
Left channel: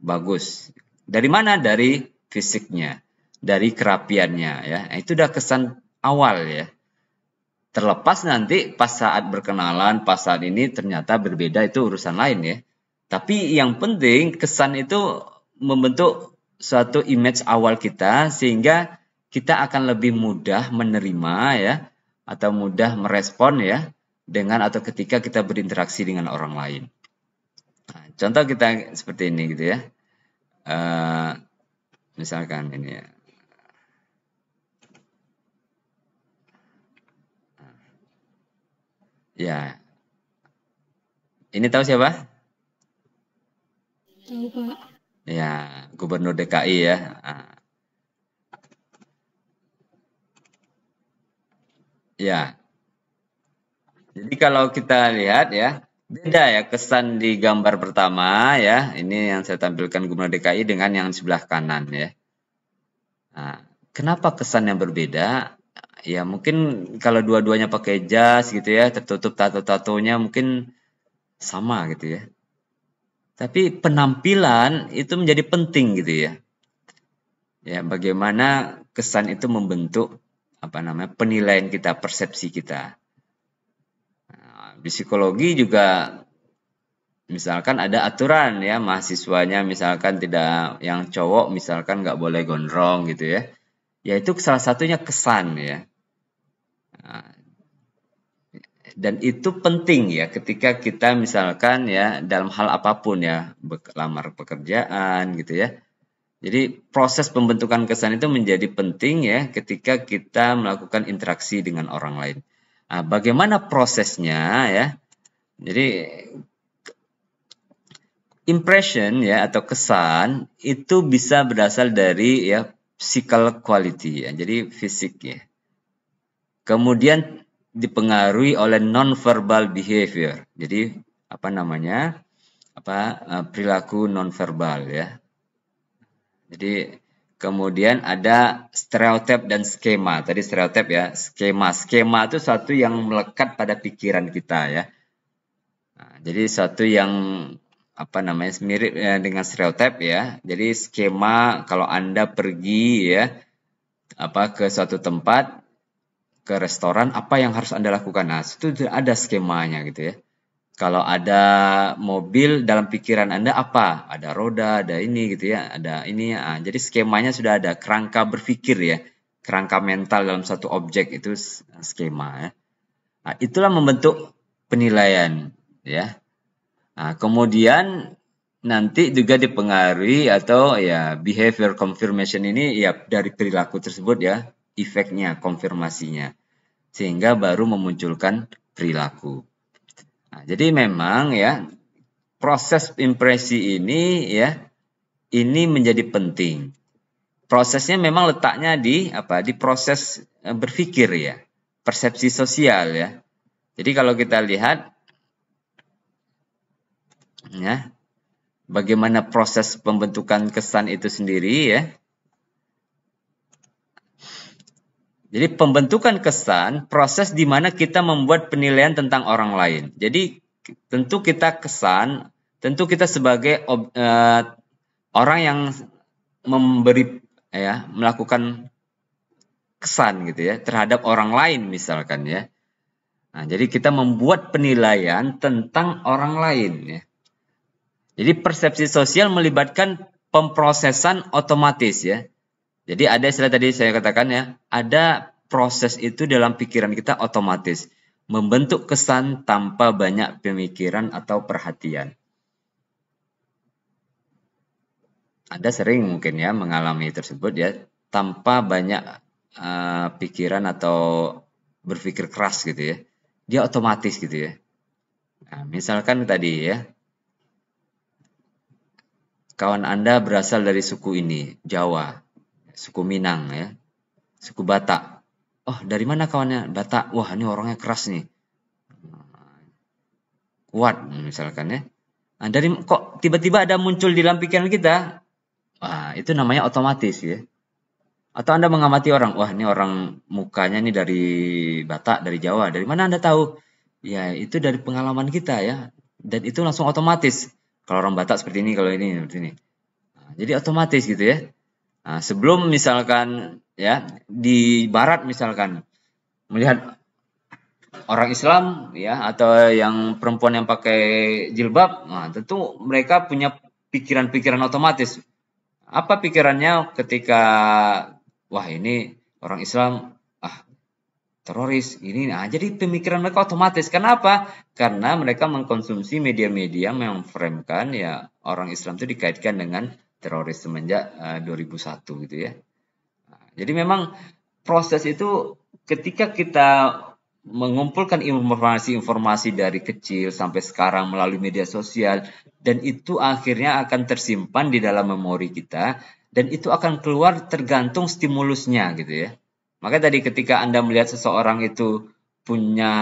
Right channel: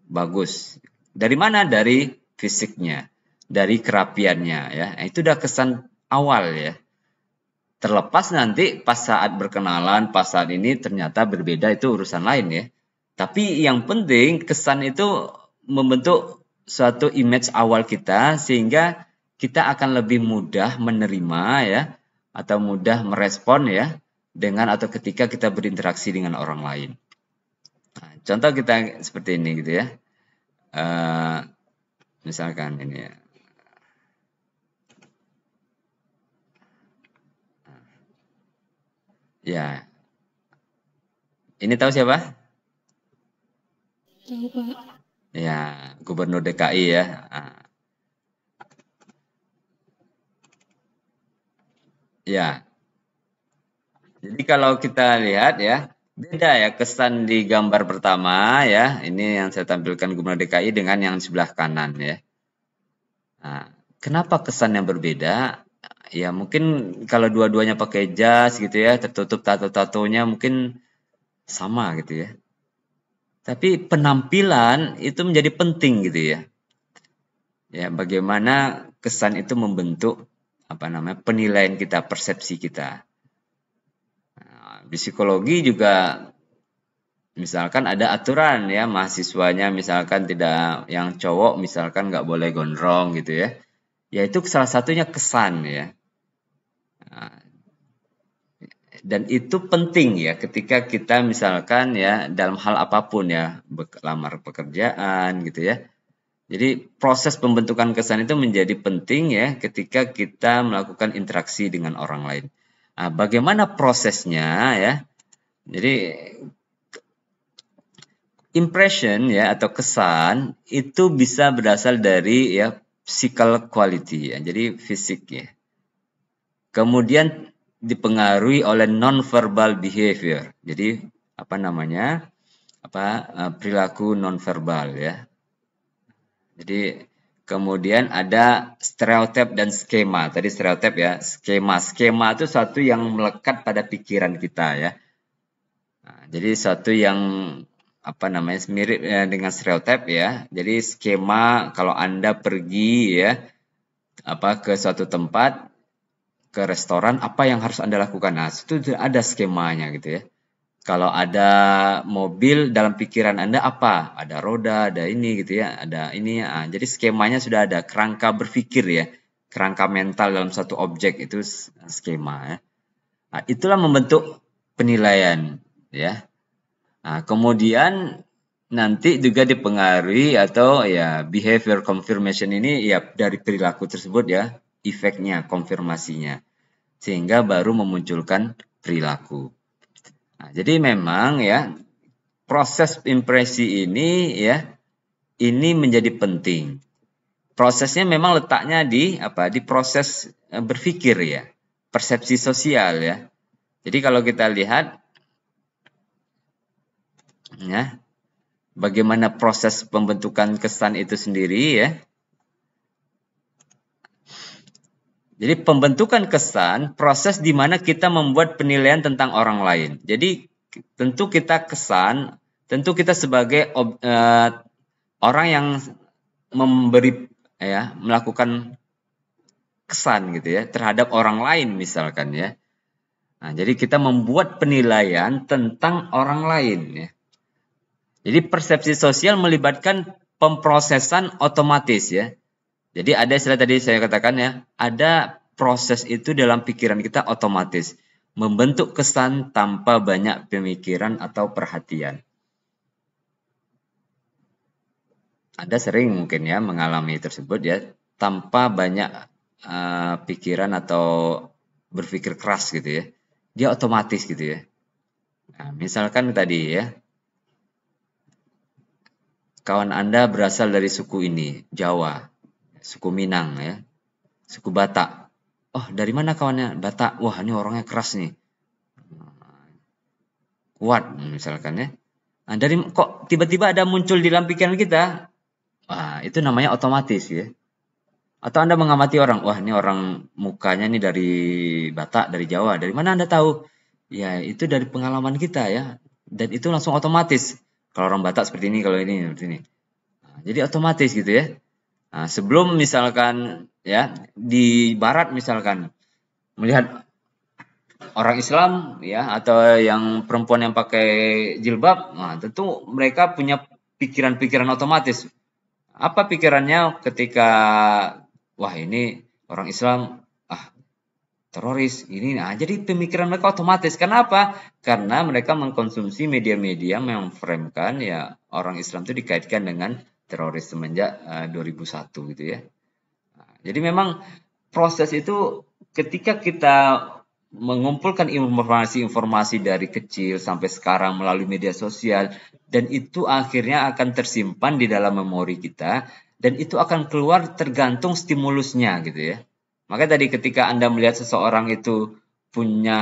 bagus. Dari mana? Dari fisiknya, dari kerapiannya ya. Itu udah kesan awal ya. Terlepas nanti pas saat berkenalan, pas saat ini ternyata berbeda, itu urusan lain ya. Tapi yang penting kesan itu membentuk suatu image awal kita sehingga kita akan lebih mudah menerima ya atau mudah merespon ya dengan atau ketika kita berinteraksi dengan orang lain. Nah, contoh kita seperti ini gitu ya. Misalkan ini ya. Ya. Ini tahu siapa? Tahu Pak. Ya, Gubernur DKI ya. Nah. Ya. Jadi kalau kita lihat ya, beda ya kesan di gambar pertama ya. Ini yang saya tampilkan Gubernur DKI dengan yang sebelah kanan ya. Nah, kenapa kesannya berbeda? Ya mungkin kalau dua-duanya pakai jas gitu ya, tertutup tato-tatonya mungkin sama gitu ya. Tapi penampilan itu menjadi penting gitu ya. Ya bagaimana kesan itu membentuk penilaian kita, persepsi kita. Nah, di psikologi juga misalkan ada aturan ya, mahasiswanya misalkan tidak, yang cowok misalkan nggak boleh gondrong gitu ya. Ya itu salah satunya kesan ya. Nah, dan itu penting ya ketika kita misalkan ya dalam hal apapun ya, melamar pekerjaan gitu ya. Jadi proses pembentukan kesan itu menjadi penting ya ketika kita melakukan interaksi dengan orang lain. Nah, bagaimana prosesnya ya? Jadi impression ya atau kesan itu bisa berasal dari ya physical quality ya, jadi fisik ya. Kemudian dipengaruhi oleh non-verbal behavior. Jadi apa namanya? Perilaku non-verbal ya. Jadi kemudian ada stereotip dan skema. Tadi stereotip ya, skema itu satu yang melekat pada pikiran kita ya. Nah, jadi satu yang mirip dengan stereotip ya. Jadi skema kalau Anda pergi ya ke suatu tempat, ke restoran, apa yang harus Anda lakukan? Nah, itu ada skemanya gitu ya. Kalau ada mobil, dalam pikiran Anda apa? Ada roda, ada ini gitu ya, ada ini. Nah, jadi skemanya sudah ada, kerangka berpikir ya, kerangka mental dalam satu objek itu skema ya. Nah, itulah membentuk penilaian ya. Nah, kemudian nanti juga dipengaruhi atau ya behavior confirmation ini ya dari perilaku tersebut ya, efeknya, konfirmasinya, sehingga baru memunculkan perilaku. Nah, jadi memang ya proses impresi ini ya ini menjadi penting. Prosesnya memang letaknya di proses berpikir ya. persepsi sosial ya. Jadi kalau kita lihat ya, bagaimana proses pembentukan kesan itu sendiri ya. Jadi pembentukan kesan proses di mana kita membuat penilaian tentang orang lain. Jadi tentu kita kesan, tentu kita sebagai orang yang memberi ya, melakukan kesan gitu ya terhadap orang lain misalkan ya. Nah, jadi kita membuat penilaian tentang orang lain ya. Jadi persepsi sosial melibatkan pemrosesan otomatis ya. Jadi ada istilah tadi saya katakan ya, ada proses itu dalam pikiran kita otomatis, membentuk kesan tanpa banyak pemikiran atau perhatian. Anda sering mungkin ya mengalami tersebut ya, tanpa banyak pikiran atau berpikir keras gitu ya. Dia otomatis gitu ya. Nah, misalkan tadi ya, kawan Anda berasal dari suku ini, Jawa, suku Minang ya, suku Batak. Oh, dari mana kawannya? Batak. Wah, ini orangnya keras nih. Kuat misalkan ya. Nah, dari kok tiba-tiba ada muncul di dalam pikiran kita, wah, itu namanya otomatis ya. Atau Anda mengamati orang, wah ini orang mukanya ini dari Batak, dari Jawa, dari mana Anda tahu? Ya, itu dari pengalaman kita ya. Dan itu langsung otomatis. Kalau orang Batak seperti ini, kalau ini. Jadi otomatis gitu ya. Nah, sebelum misalkan ya di Barat misalkan melihat orang Islam ya atau yang perempuan yang pakai jilbab, nah, tentu mereka punya pikiran-pikiran otomatis. Apa pikirannya ketika wah ini orang Islam, teroris ini, jadi pemikiran mereka otomatis. Kenapa? Karena mereka mengkonsumsi media-media yang memframkan ya orang Islam itu dikaitkan dengan teroris semenjak 2001 gitu ya. Jadi memang proses itu ketika kita mengumpulkan informasi dari kecil sampai sekarang melalui media sosial, dan itu akhirnya akan tersimpan di dalam memori kita, dan itu akan keluar tergantung stimulusnya gitu ya. Maka tadi ketika Anda melihat seseorang itu punya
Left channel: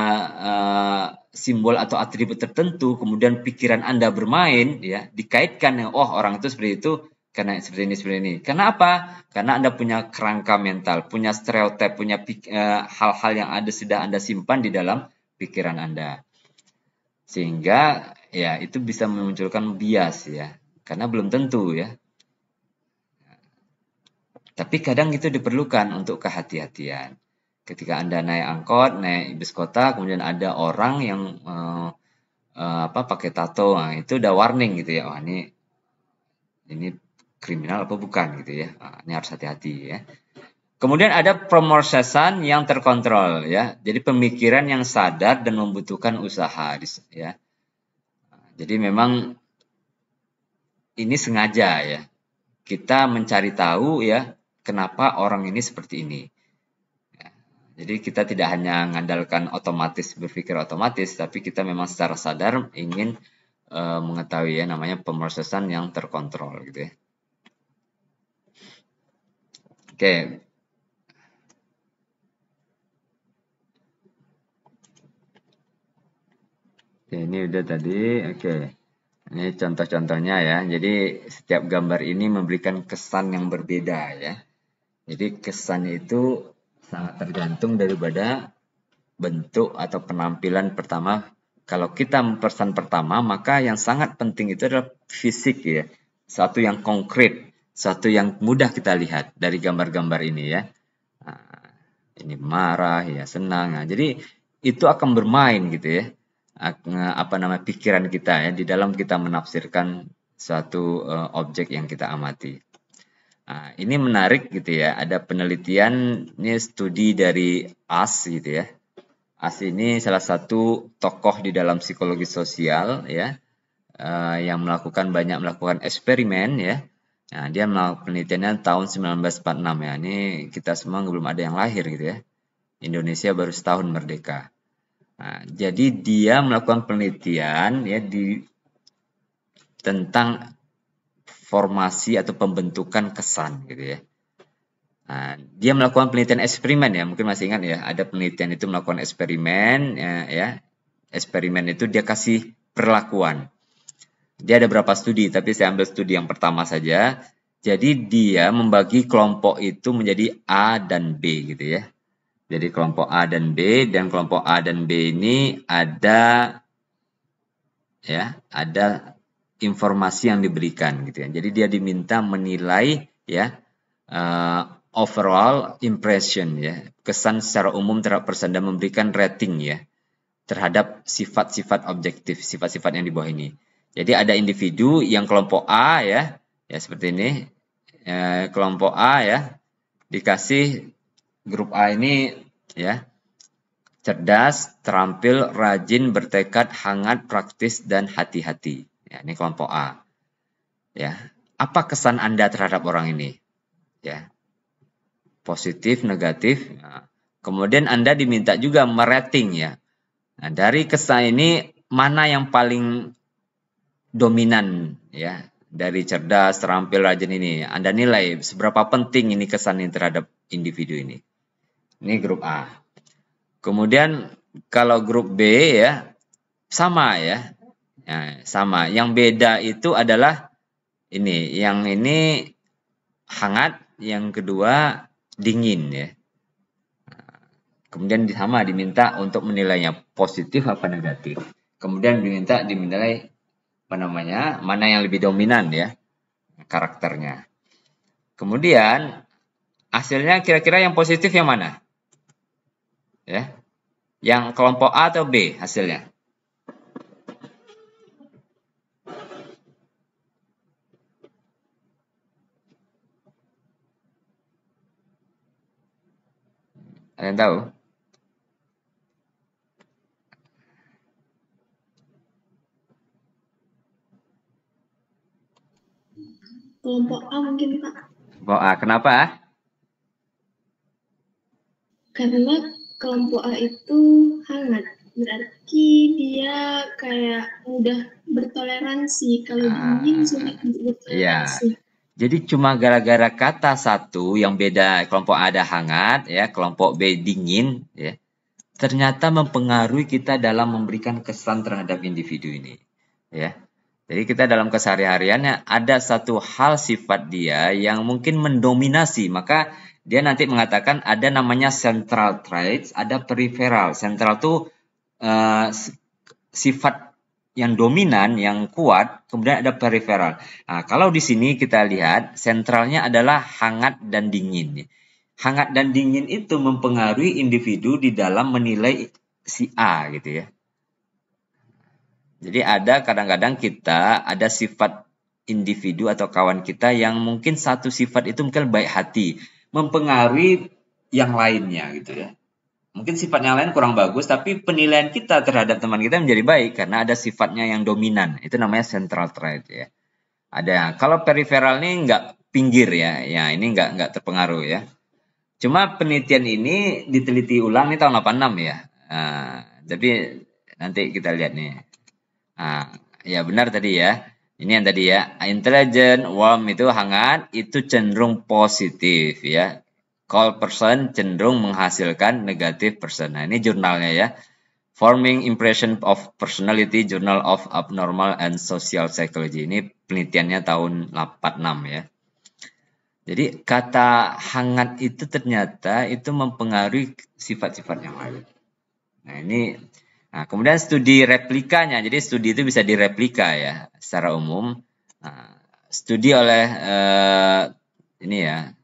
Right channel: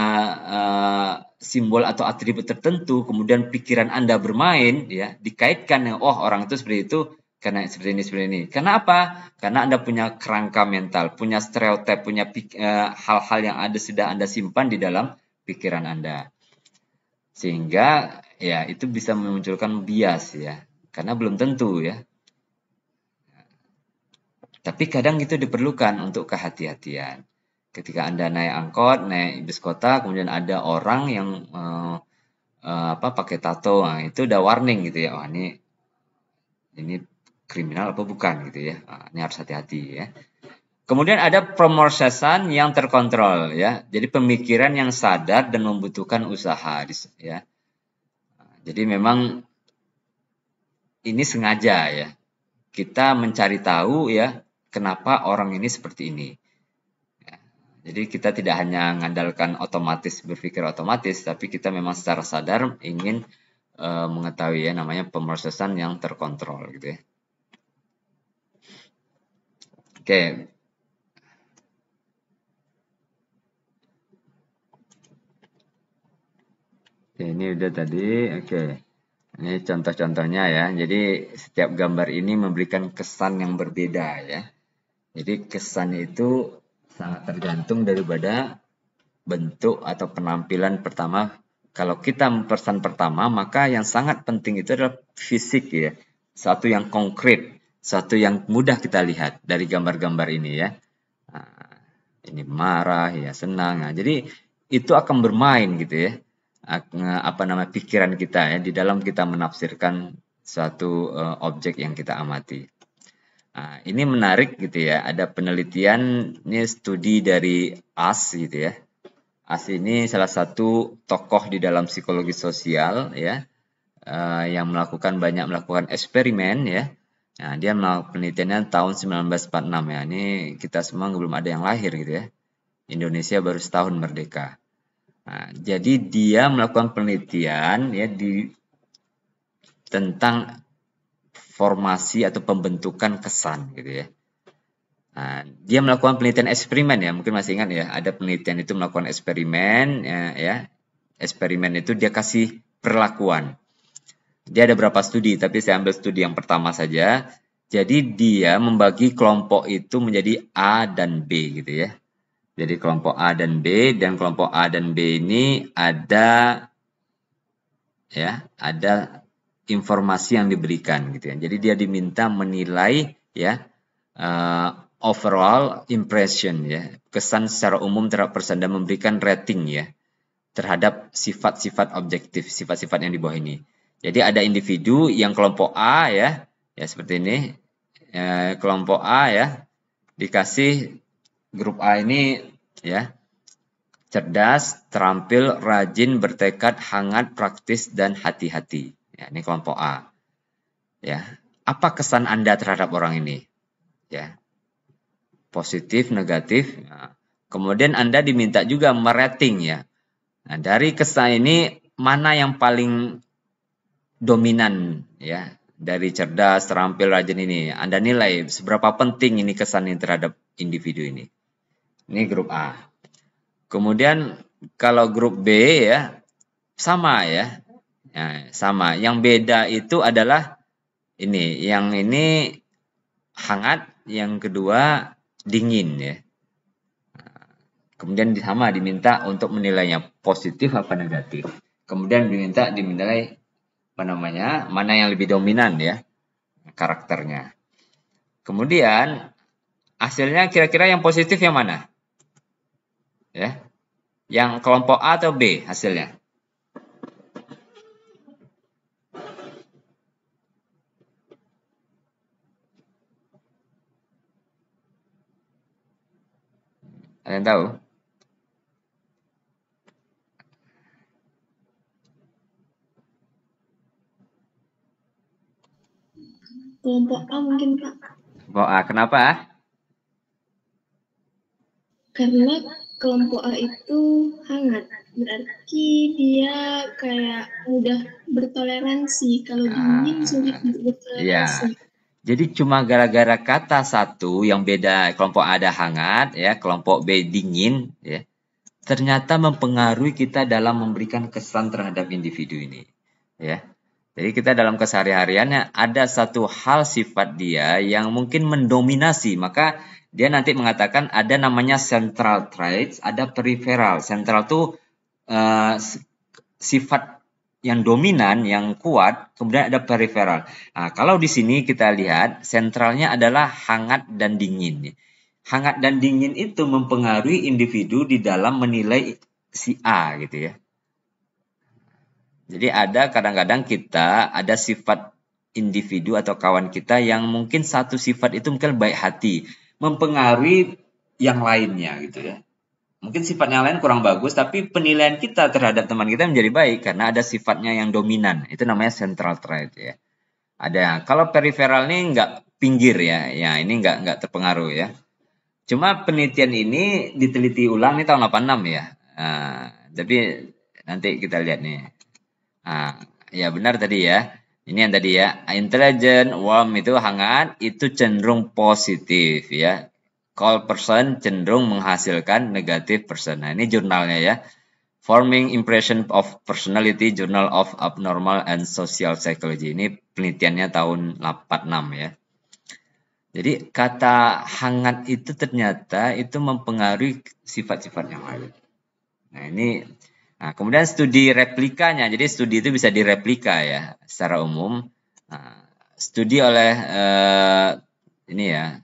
simbol atau atribut tertentu, kemudian pikiran Anda bermain, ya dikaitkan, oh orang itu seperti itu karena ini. Kenapa? Karena Anda punya kerangka mental, punya stereotip, punya hal-hal yang sudah Anda simpan di dalam pikiran Anda, sehingga ya itu bisa memunculkan bias ya, karena belum tentu ya. Tapi kadang itu diperlukan untuk kehati-hatian. Ketika Anda naik angkot, naik bis kota, kemudian ada orang yang pakai tato, nah, itu udah warning gitu ya. Ini kriminal atau bukan gitu ya. Ini harus hati-hati ya. Kemudian ada pemrosesan yang terkontrol ya. Jadi pemikiran yang sadar dan membutuhkan usaha ya. Jadi memang ini sengaja ya. Kita mencari tahu ya kenapa orang ini seperti ini. Jadi kita tidak hanya mengandalkan otomatis, berpikir otomatis, tapi kita memang secara sadar ingin mengetahui yang namanya pemrosesan yang terkontrol gitu ya. Oke. Ini udah tadi, oke. Ini contoh-contohnya ya. Jadi setiap gambar ini memberikan kesan yang berbeda ya. Jadi kesannya itu sangat tergantung daripada bentuk atau penampilan pertama. Kalau kita pesan pertama, maka yang sangat penting itu adalah fisik ya. Satu yang konkret, satu yang mudah kita lihat dari gambar-gambar ini ya. Nah, ini marah ya, senang. Jadi itu akan bermain gitu ya. Pikiran kita ya, di dalam kita menafsirkan suatu objek yang kita amati. Nah, ini menarik gitu ya. Ada penelitian, ini studi dari AS gitu ya. AS ini salah satu tokoh di dalam psikologi sosial ya, yang melakukan eksperimen ya. Nah, dia melakukan penelitiannya tahun 1946 ya. Ini kita semua belum ada yang lahir gitu ya. Indonesia baru setahun merdeka. Nah, jadi dia melakukan penelitian ya tentang formasi atau pembentukan kesan gitu ya. Nah, dia melakukan penelitian eksperimen ya, mungkin masih ingat ya, ada penelitian itu melakukan eksperimen ya. Eksperimen itu dia kasih perlakuan. Dia ada beberapa studi, tapi saya ambil studi yang pertama saja. Jadi dia membagi kelompok itu menjadi A dan B gitu ya. Jadi kelompok A dan B, dan kelompok A dan B ini ada informasi yang diberikan gitu ya. Jadi dia diminta menilai ya overall impression ya, kesan secara umum terhadap person, dan memberikan rating ya terhadap sifat-sifat objektif, sifat-sifat yang di bawah ini. Jadi ada individu yang kelompok A ya seperti ini. Kelompok A ya dikasih grup A ini ya cerdas, terampil, rajin, bertekad, hangat, praktis, dan hati-hati. Ya, ini kelompok A. Ya, apa kesan Anda terhadap orang ini? Ya, positif, negatif. Nah, kemudian Anda diminta juga merating ya. Nah, dari kesan ini mana yang paling dominan ya? Dari cerdas, terampil, rajin ini Anda nilai seberapa penting ini kesan ini terhadap individu ini. Ini grup A. Kemudian kalau grup B ya sama ya. Nah, sama. Yang beda itu adalah ini. Yang ini hangat, yang kedua dingin ya. Kemudian sama diminta untuk menilainya positif apa negatif. Kemudian dinilai mana yang lebih dominan ya karakternya. Kemudian hasilnya kira-kira yang positif yang mana? Ya. Yang kelompok A atau B hasilnya? Ada yang tahu? Kelompok A mungkin, Pak. Wah, kenapa? Karena kelompok A itu hangat. Berarti dia kayak mudah bertoleransi. Kalau dingin sulit untuk bertoleransi. Jadi cuma gara-gara kata satu yang beda, kelompok A ada hangat ya, kelompok B dingin ya. Ternyata mempengaruhi kita dalam memberikan kesan terhadap individu ini. Ya. Jadi kita dalam kesehariannya ada satu hal sifat dia yang mungkin mendominasi, maka dia nanti mengatakan ada namanya central traits, ada peripheral. Central itu sifat yang dominan, yang kuat, kemudian ada peripheral. Nah, kalau di sini kita lihat sentralnya adalah hangat dan dingin. Hangat dan dingin itu mempengaruhi individu di dalam menilai si A gitu ya. Jadi ada kadang-kadang kita ada sifat individu atau kawan kita yang mungkin satu sifat itu mungkin baik hati, mempengaruhi yang lainnya gitu ya. Mungkin sifat yang lain kurang bagus, tapi penilaian kita terhadap teman kita menjadi baik karena ada sifatnya yang dominan. Itu namanya central trait ya. Ada. Kalau peripheral ini enggak pinggir ya ini enggak terpengaruh ya. Cuma penelitian ini diteliti ulang di tahun 86 ya. Jadi nanti kita lihat nih. Ya benar tadi ya. Ini yang tadi ya. Intelligent, warm itu hangat, itu cenderung positif ya. Cold person cenderung menghasilkan negatif person. Nah, ini jurnalnya ya. Forming Impression of Personality, Journal of Abnormal and Social Psychology. Ini penelitiannya tahun 86 ya. Jadi kata hangat itu ternyata itu mempengaruhi sifat-sifat yang lain. Nah, kemudian studi replikanya. Jadi studi itu bisa direplika ya secara umum. Studi oleh ini ya,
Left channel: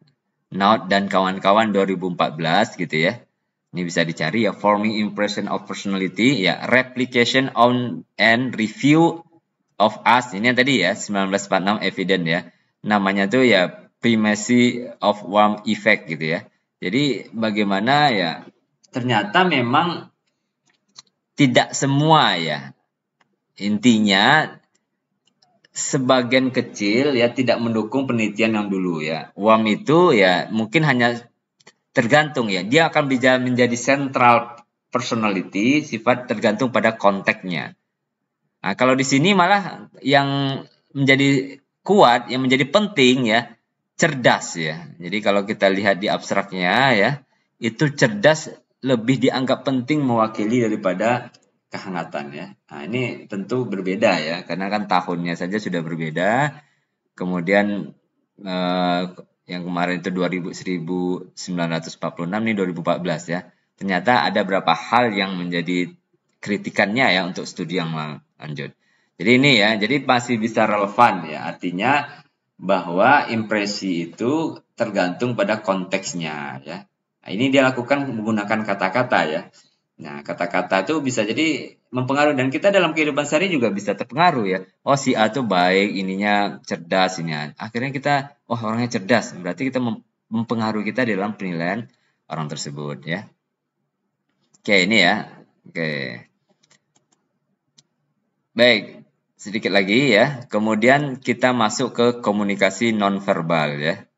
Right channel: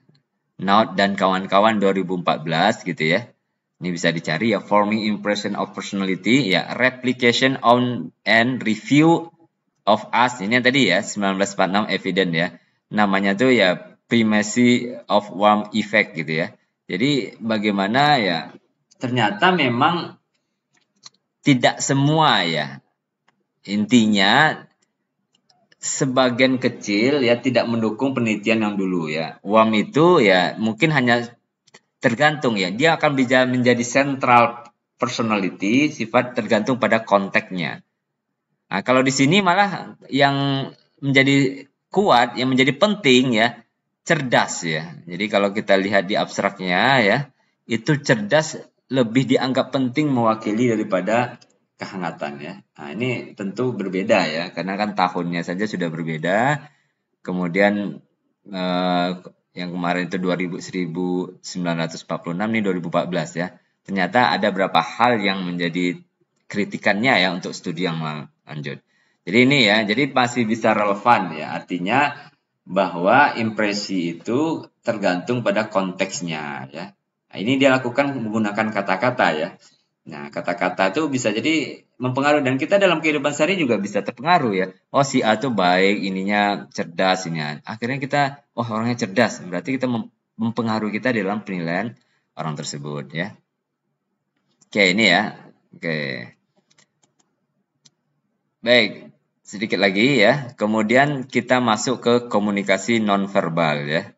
Knott dan kawan-kawan 2014 gitu ya. Ini bisa dicari ya, Forming Impression of Personality ya, Replication on and Review of Us. Ini yang tadi ya 1946 evidence ya. Namanya tuh ya Primacy of Warm Effect gitu ya. Jadi bagaimana ya ternyata memang tidak semua ya. Intinya sebagian kecil ya tidak mendukung penelitian yang dulu ya. Warm itu ya mungkin hanya tergantung ya. Dia akan bisa menjadi central personality, sifat tergantung pada konteksnya. Nah, kalau di sini malah yang menjadi kuat, yang menjadi penting ya, cerdas ya. Jadi kalau kita lihat di abstraknya ya, itu cerdas lebih dianggap penting mewakili daripada kehangatan ya. Nah, ini tentu berbeda ya, karena kan tahunnya saja sudah berbeda. Kemudian yang kemarin itu 1946, ini 2014 ya. Ternyata ada beberapa hal yang menjadi kritikannya ya untuk studi yang lanjut. Jadi ini ya, jadi masih bisa relevan ya. Artinya bahwa impresi itu tergantung pada konteksnya ya. Nah, ini dia lakukan menggunakan kata-kata ya. Nah, kata-kata itu bisa jadi mempengaruhi, dan kita dalam kehidupan sehari juga bisa terpengaruh ya. Oh, si A itu baik, ininya cerdasnya. Akhirnya kita, oh orangnya cerdas, berarti kita mempengaruhi kita dalam penilaian orang tersebut ya. Oke, ini ya. Oke. Baik, sedikit lagi ya. Kemudian kita masuk ke komunikasi nonverbal ya.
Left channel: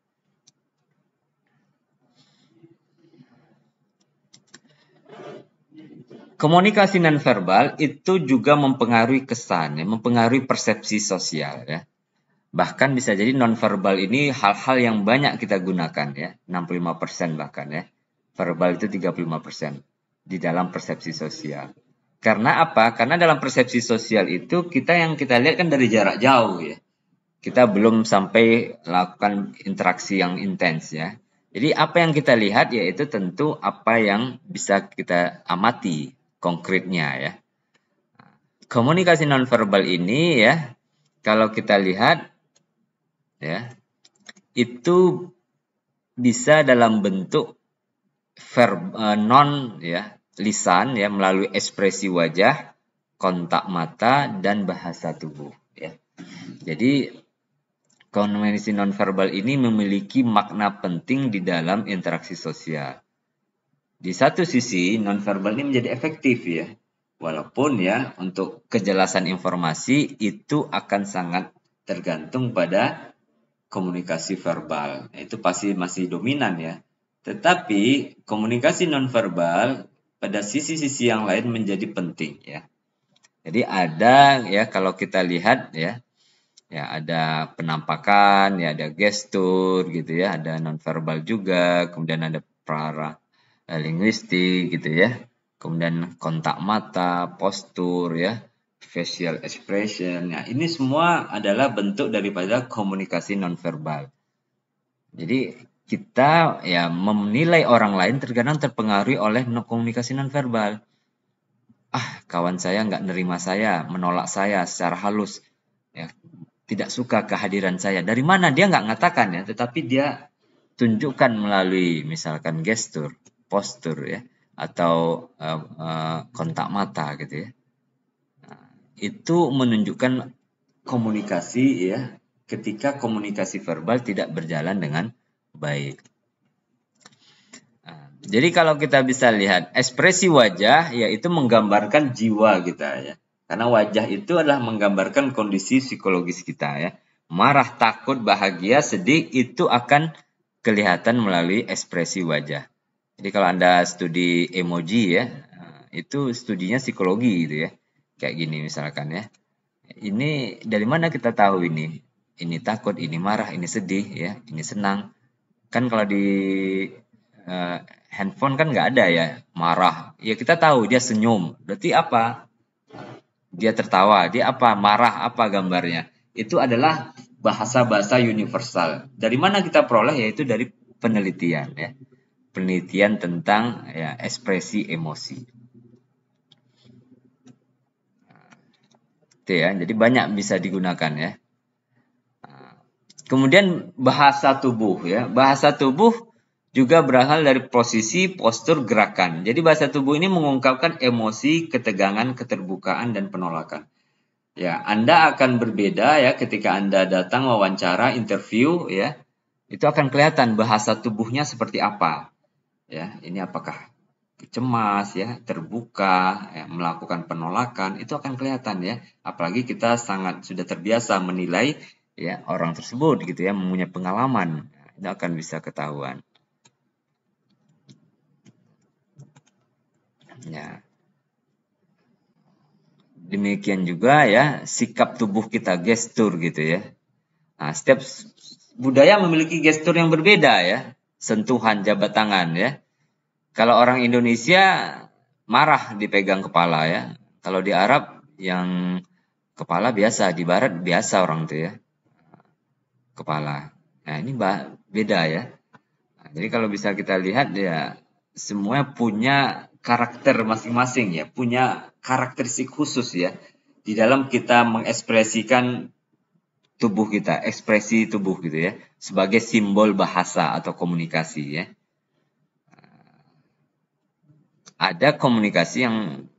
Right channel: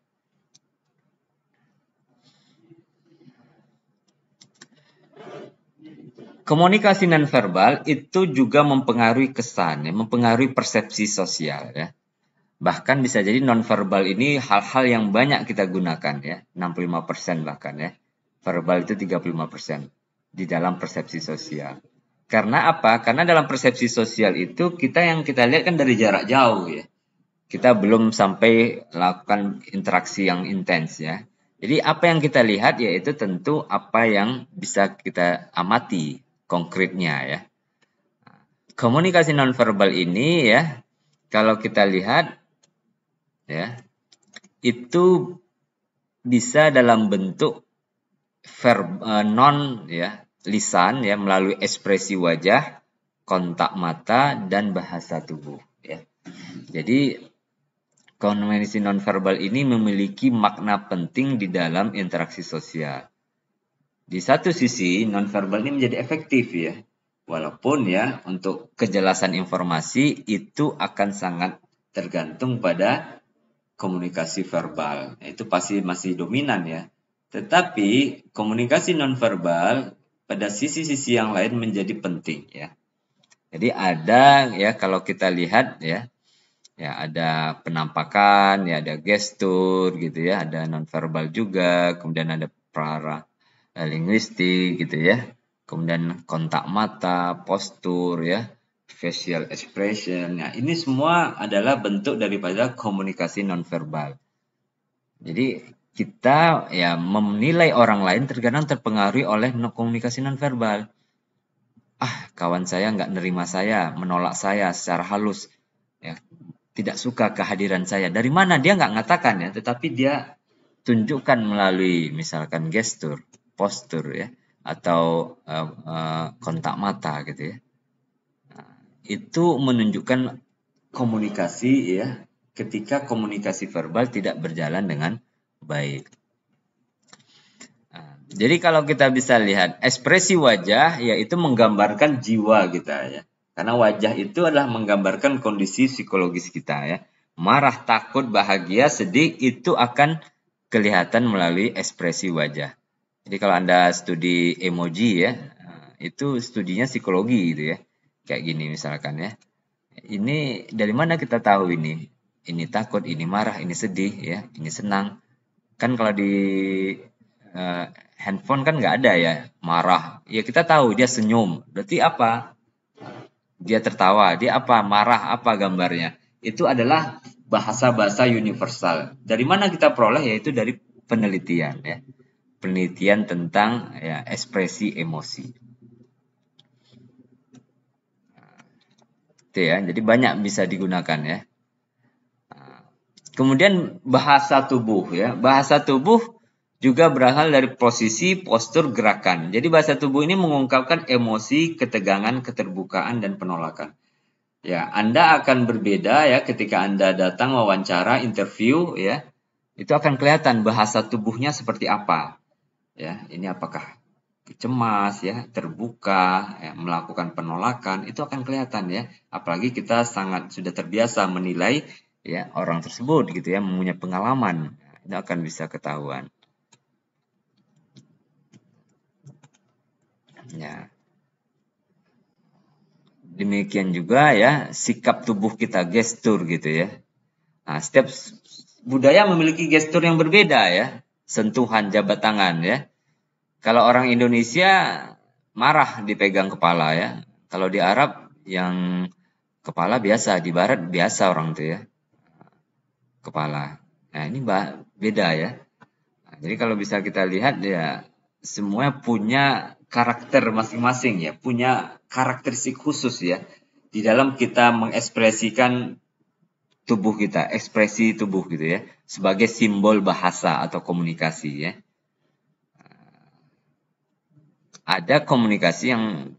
Komunikasi nonverbal itu juga mempengaruhi kesan, mempengaruhi persepsi sosial ya. Bahkan bisa jadi nonverbal ini hal-hal yang banyak kita gunakan ya, 65% bahkan ya. Verbal itu 35% di dalam persepsi sosial. Karena apa? Karena dalam persepsi sosial itu kita lihat kan dari jarak jauh ya. Kita belum sampai lakukan interaksi yang intens ya. Jadi apa yang kita lihat yaitu tentu apa yang bisa kita amati konkretnya ya. Komunikasi nonverbal ini ya, kalau kita lihat ya, itu bisa dalam bentuk non ya, lisan ya, melalui ekspresi wajah, kontak mata, dan bahasa tubuh ya. Jadi komunikasi nonverbal ini memiliki makna penting di dalam interaksi sosial. Di satu sisi nonverbal ini jadi efektif ya, walaupun ya untuk kejelasan informasi itu akan sangat tergantung pada komunikasi verbal. Itu pasti masih dominan ya. Tetapi komunikasi nonverbal pada sisi-sisi yang lain menjadi penting ya. Jadi ada ya, kalau kita lihat ya, ada penampakan, ya ada gestur gitu ya, ada nonverbal juga, kemudian ada linguistik gitu ya, kemudian kontak mata, postur ya, facial expression. Nah, ini semua adalah bentuk daripada komunikasi nonverbal. Jadi kita ya menilai orang lain terkadang terpengaruhi oleh komunikasi nonverbal. Kawan saya nggak menerima saya, menolak saya secara halus, ya, tidak suka kehadiran saya. Dari mana dia nggak mengatakan ya, tetapi dia tunjukkan melalui misalkan gestur, postur ya, atau kontak mata gitu ya. Nah, itu menunjukkan komunikasi ya, ketika komunikasi verbal tidak berjalan dengan baik. Jadi kalau kita bisa lihat ekspresi wajah, yaitu menggambarkan jiwa kita ya. Karena wajah itu adalah menggambarkan kondisi psikologis kita ya. Marah, takut, bahagia, sedih, itu akan kelihatan melalui ekspresi wajah. Jadi kalau ada studi emoji ya, itu studinya psikologi gitu ya. Kayak gini misalkan ya. Ini dari mana kita tahu ini? Ini takut, ini marah, ini sedih ya, ini senang. Kan kalau di handphone kan nggak ada ya marah. Ya kita tahu dia senyum. Berarti apa? Dia tertawa. Dia apa? Marah apa gambarnya? Itu adalah bahasa-bahasa universal. Dari mana kita peroleh? Itu dari penelitian ya. Penelitian tentang ya, ekspresi emosi. Itu ya. Jadi banyak bisa digunakan ya. Kemudian bahasa tubuh ya. Bahasa tubuh juga berasal dari posisi, postur, gerakan. Jadi bahasa tubuh ini mengungkapkan emosi, ketegangan, keterbukaan, dan penolakan. Ya, Anda akan berbeda ya ketika Anda datang wawancara, interview ya. Itu akan kelihatan bahasa tubuhnya seperti apa. Ya, ini apakah cemas ya, terbuka, ya, melakukan penolakan, itu akan kelihatan ya. Apalagi kita sangat sudah terbiasa menilai ya orang tersebut gitu ya, punya pengalaman, itu akan bisa ketahuan. Ya. Demikian juga ya sikap tubuh kita, gestur gitu ya. Nah, setiap budaya memiliki gestur yang berbeda ya, sentuhan jabat tangan ya. Kalau orang Indonesia marah dipegang kepala ya. Kalau di Arab yang kepala biasa, di Barat biasa orang itu ya. Kepala. Nah, ini beda ya. Jadi kalau bisa kita lihat ya, semuanya punya karakter masing-masing ya, punya karakteristik khusus ya di dalam kita mengekspresikan tubuh kita, ekspresi tubuh gitu ya, sebagai simbol bahasa atau komunikasi ya. Ada komunikasi yang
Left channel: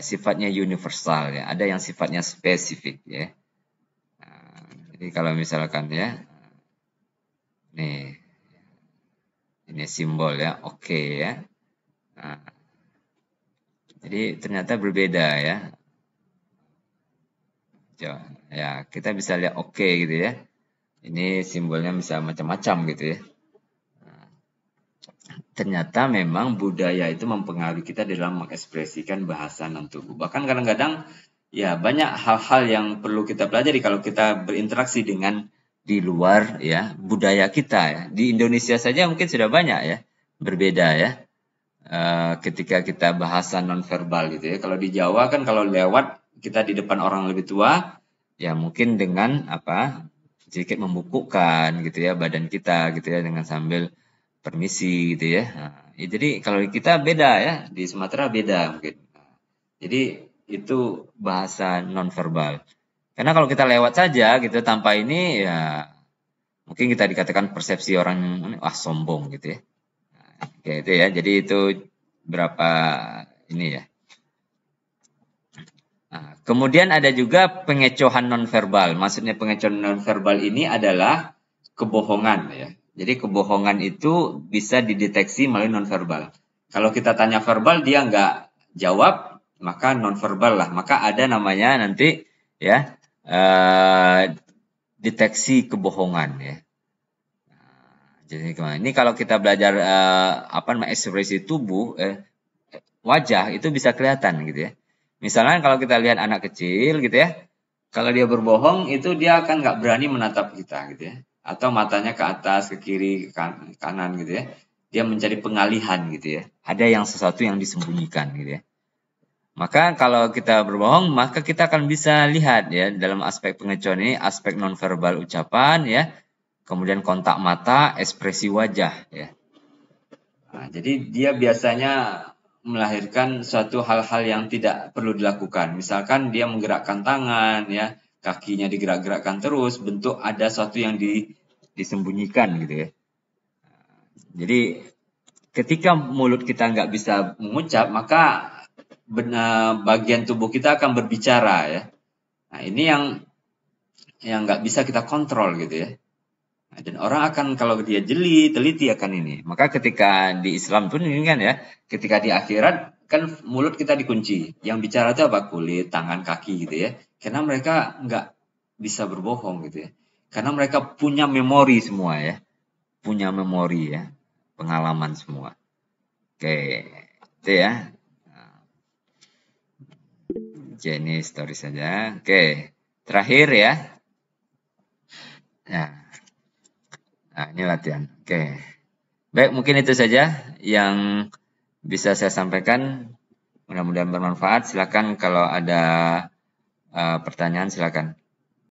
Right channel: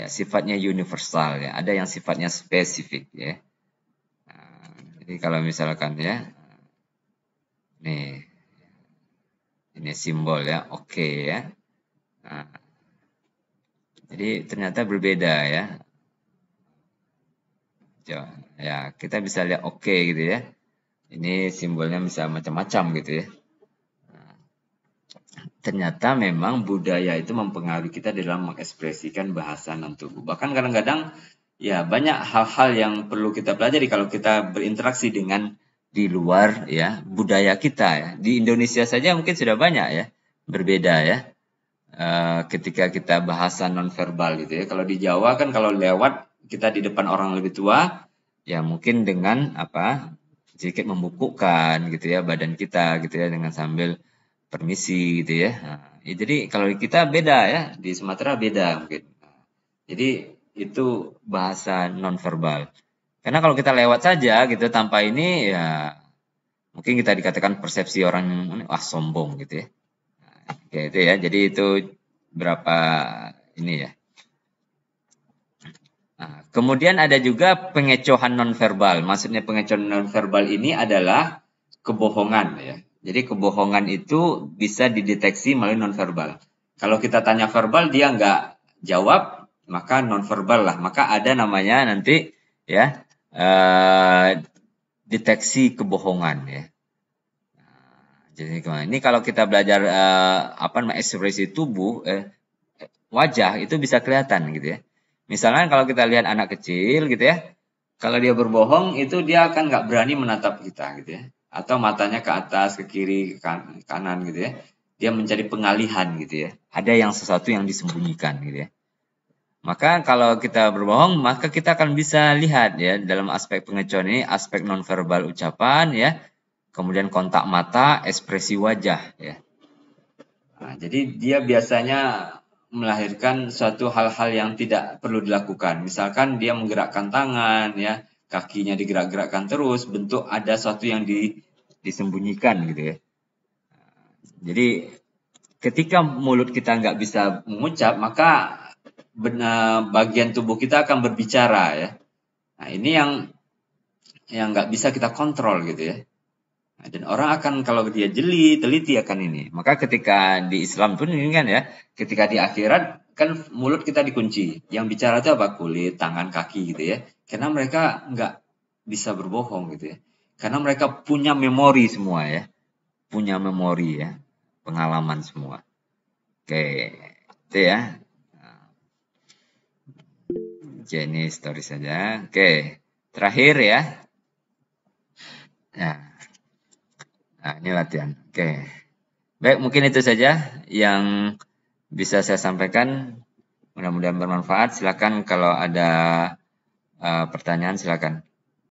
sifatnya universal ya, ada yang sifatnya spesifik ya. Jadi kalau misalkan ya, ini simbol ya, oke ya. Jadi ternyata berbeda ya. Ya, kita bisa lihat oke gitu ya. Ini simbolnya bisa macam-macam gitu ya. Ternyata memang budaya itu mempengaruhi kita dalam mengekspresikan bahasa dan tubuh. Bahkan kadang-kadang ya banyak hal-hal yang perlu kita pelajari kalau kita berinteraksi dengan di luar ya budaya kita. Di Indonesia saja mungkin sudah banyak ya berbeda ya. Ketika kita bahasa non verbal gitu ya. Kalau di Jawa kan kalau lewat kita di depan orang lebih tua ya mungkin dengan sedikit membukukan gitu ya badan kita gitu ya, dengan sambil permisi gitu ya. Jadi kalau kita beda ya, di Sumatera beda gitu. Jadi itu bahasa non verbal. Karena kalau kita lewat saja gitu tanpa ini ya mungkin kita dikatakan persepsi orang sombong gitu ya. Oke ya, jadi itu berapa ini ya. Kemudian ada juga pengecohan non verbal. Maksudnya pengecohan non verbal ini adalah kebohongan ya. Jadi kebohongan itu bisa dideteksi melalui non verbal. Kalau kita tanya verbal dia nggak jawab, maka non verbal lah. Maka ada namanya nanti ya deteksi kebohongan ya. Jadi ini kalau kita belajar ekspresi tubuh, wajah itu bisa kelihatan gitu ya. Misalnya kalau kita lihat anak kecil gitu ya, kalau dia berbohong itu dia akan nggak berani menatap kita gitu ya. Atau matanya ke atas, ke kiri, kanan gitu ya. Dia menjadi pengalihan gitu ya. Ada yang sesuatu yang disembunyikan gitu ya. Maka kalau kita berbohong, maka kita akan bisa lihat ya dalam aspek pengecohan ini, aspek non verbal ucapan ya, kemudian kontak mata, ekspresi wajah ya. Jadi dia biasanya melahirkan suatu hal-hal yang tidak perlu dilakukan. Misalkan dia menggerakkan tangan ya, kakinya digerak-gerakkan terus, bentuk ada sesuatu yang disembunyikan gitu ya. Jadi ketika mulut kita nggak bisa mengucap, maka bagian tubuh kita akan berbicara ya. Nah ini yang nggak bisa kita kontrol gitu ya. Dan orang akan kalau dia teliti akan ini. Maka ketika di Islam pun ini kan ya, ketika di akhirat kan mulut kita dikunci. Yang bicara itu apa? Kulit, tangan, kaki gitu ya. Karena mereka nggak bisa berbohong gitu ya. Karena mereka punya memori semua ya. Punya memori ya. Pengalaman semua. Oke. Itu ya. Oke, ini setelah saja. Oke. Terakhir ya. Nah, ini latihan. Oke. Baik, mungkin itu saja yang bisa saya sampaikan. Mudah-mudahan bermanfaat. Silakan kalau ada pertanyaan silakan.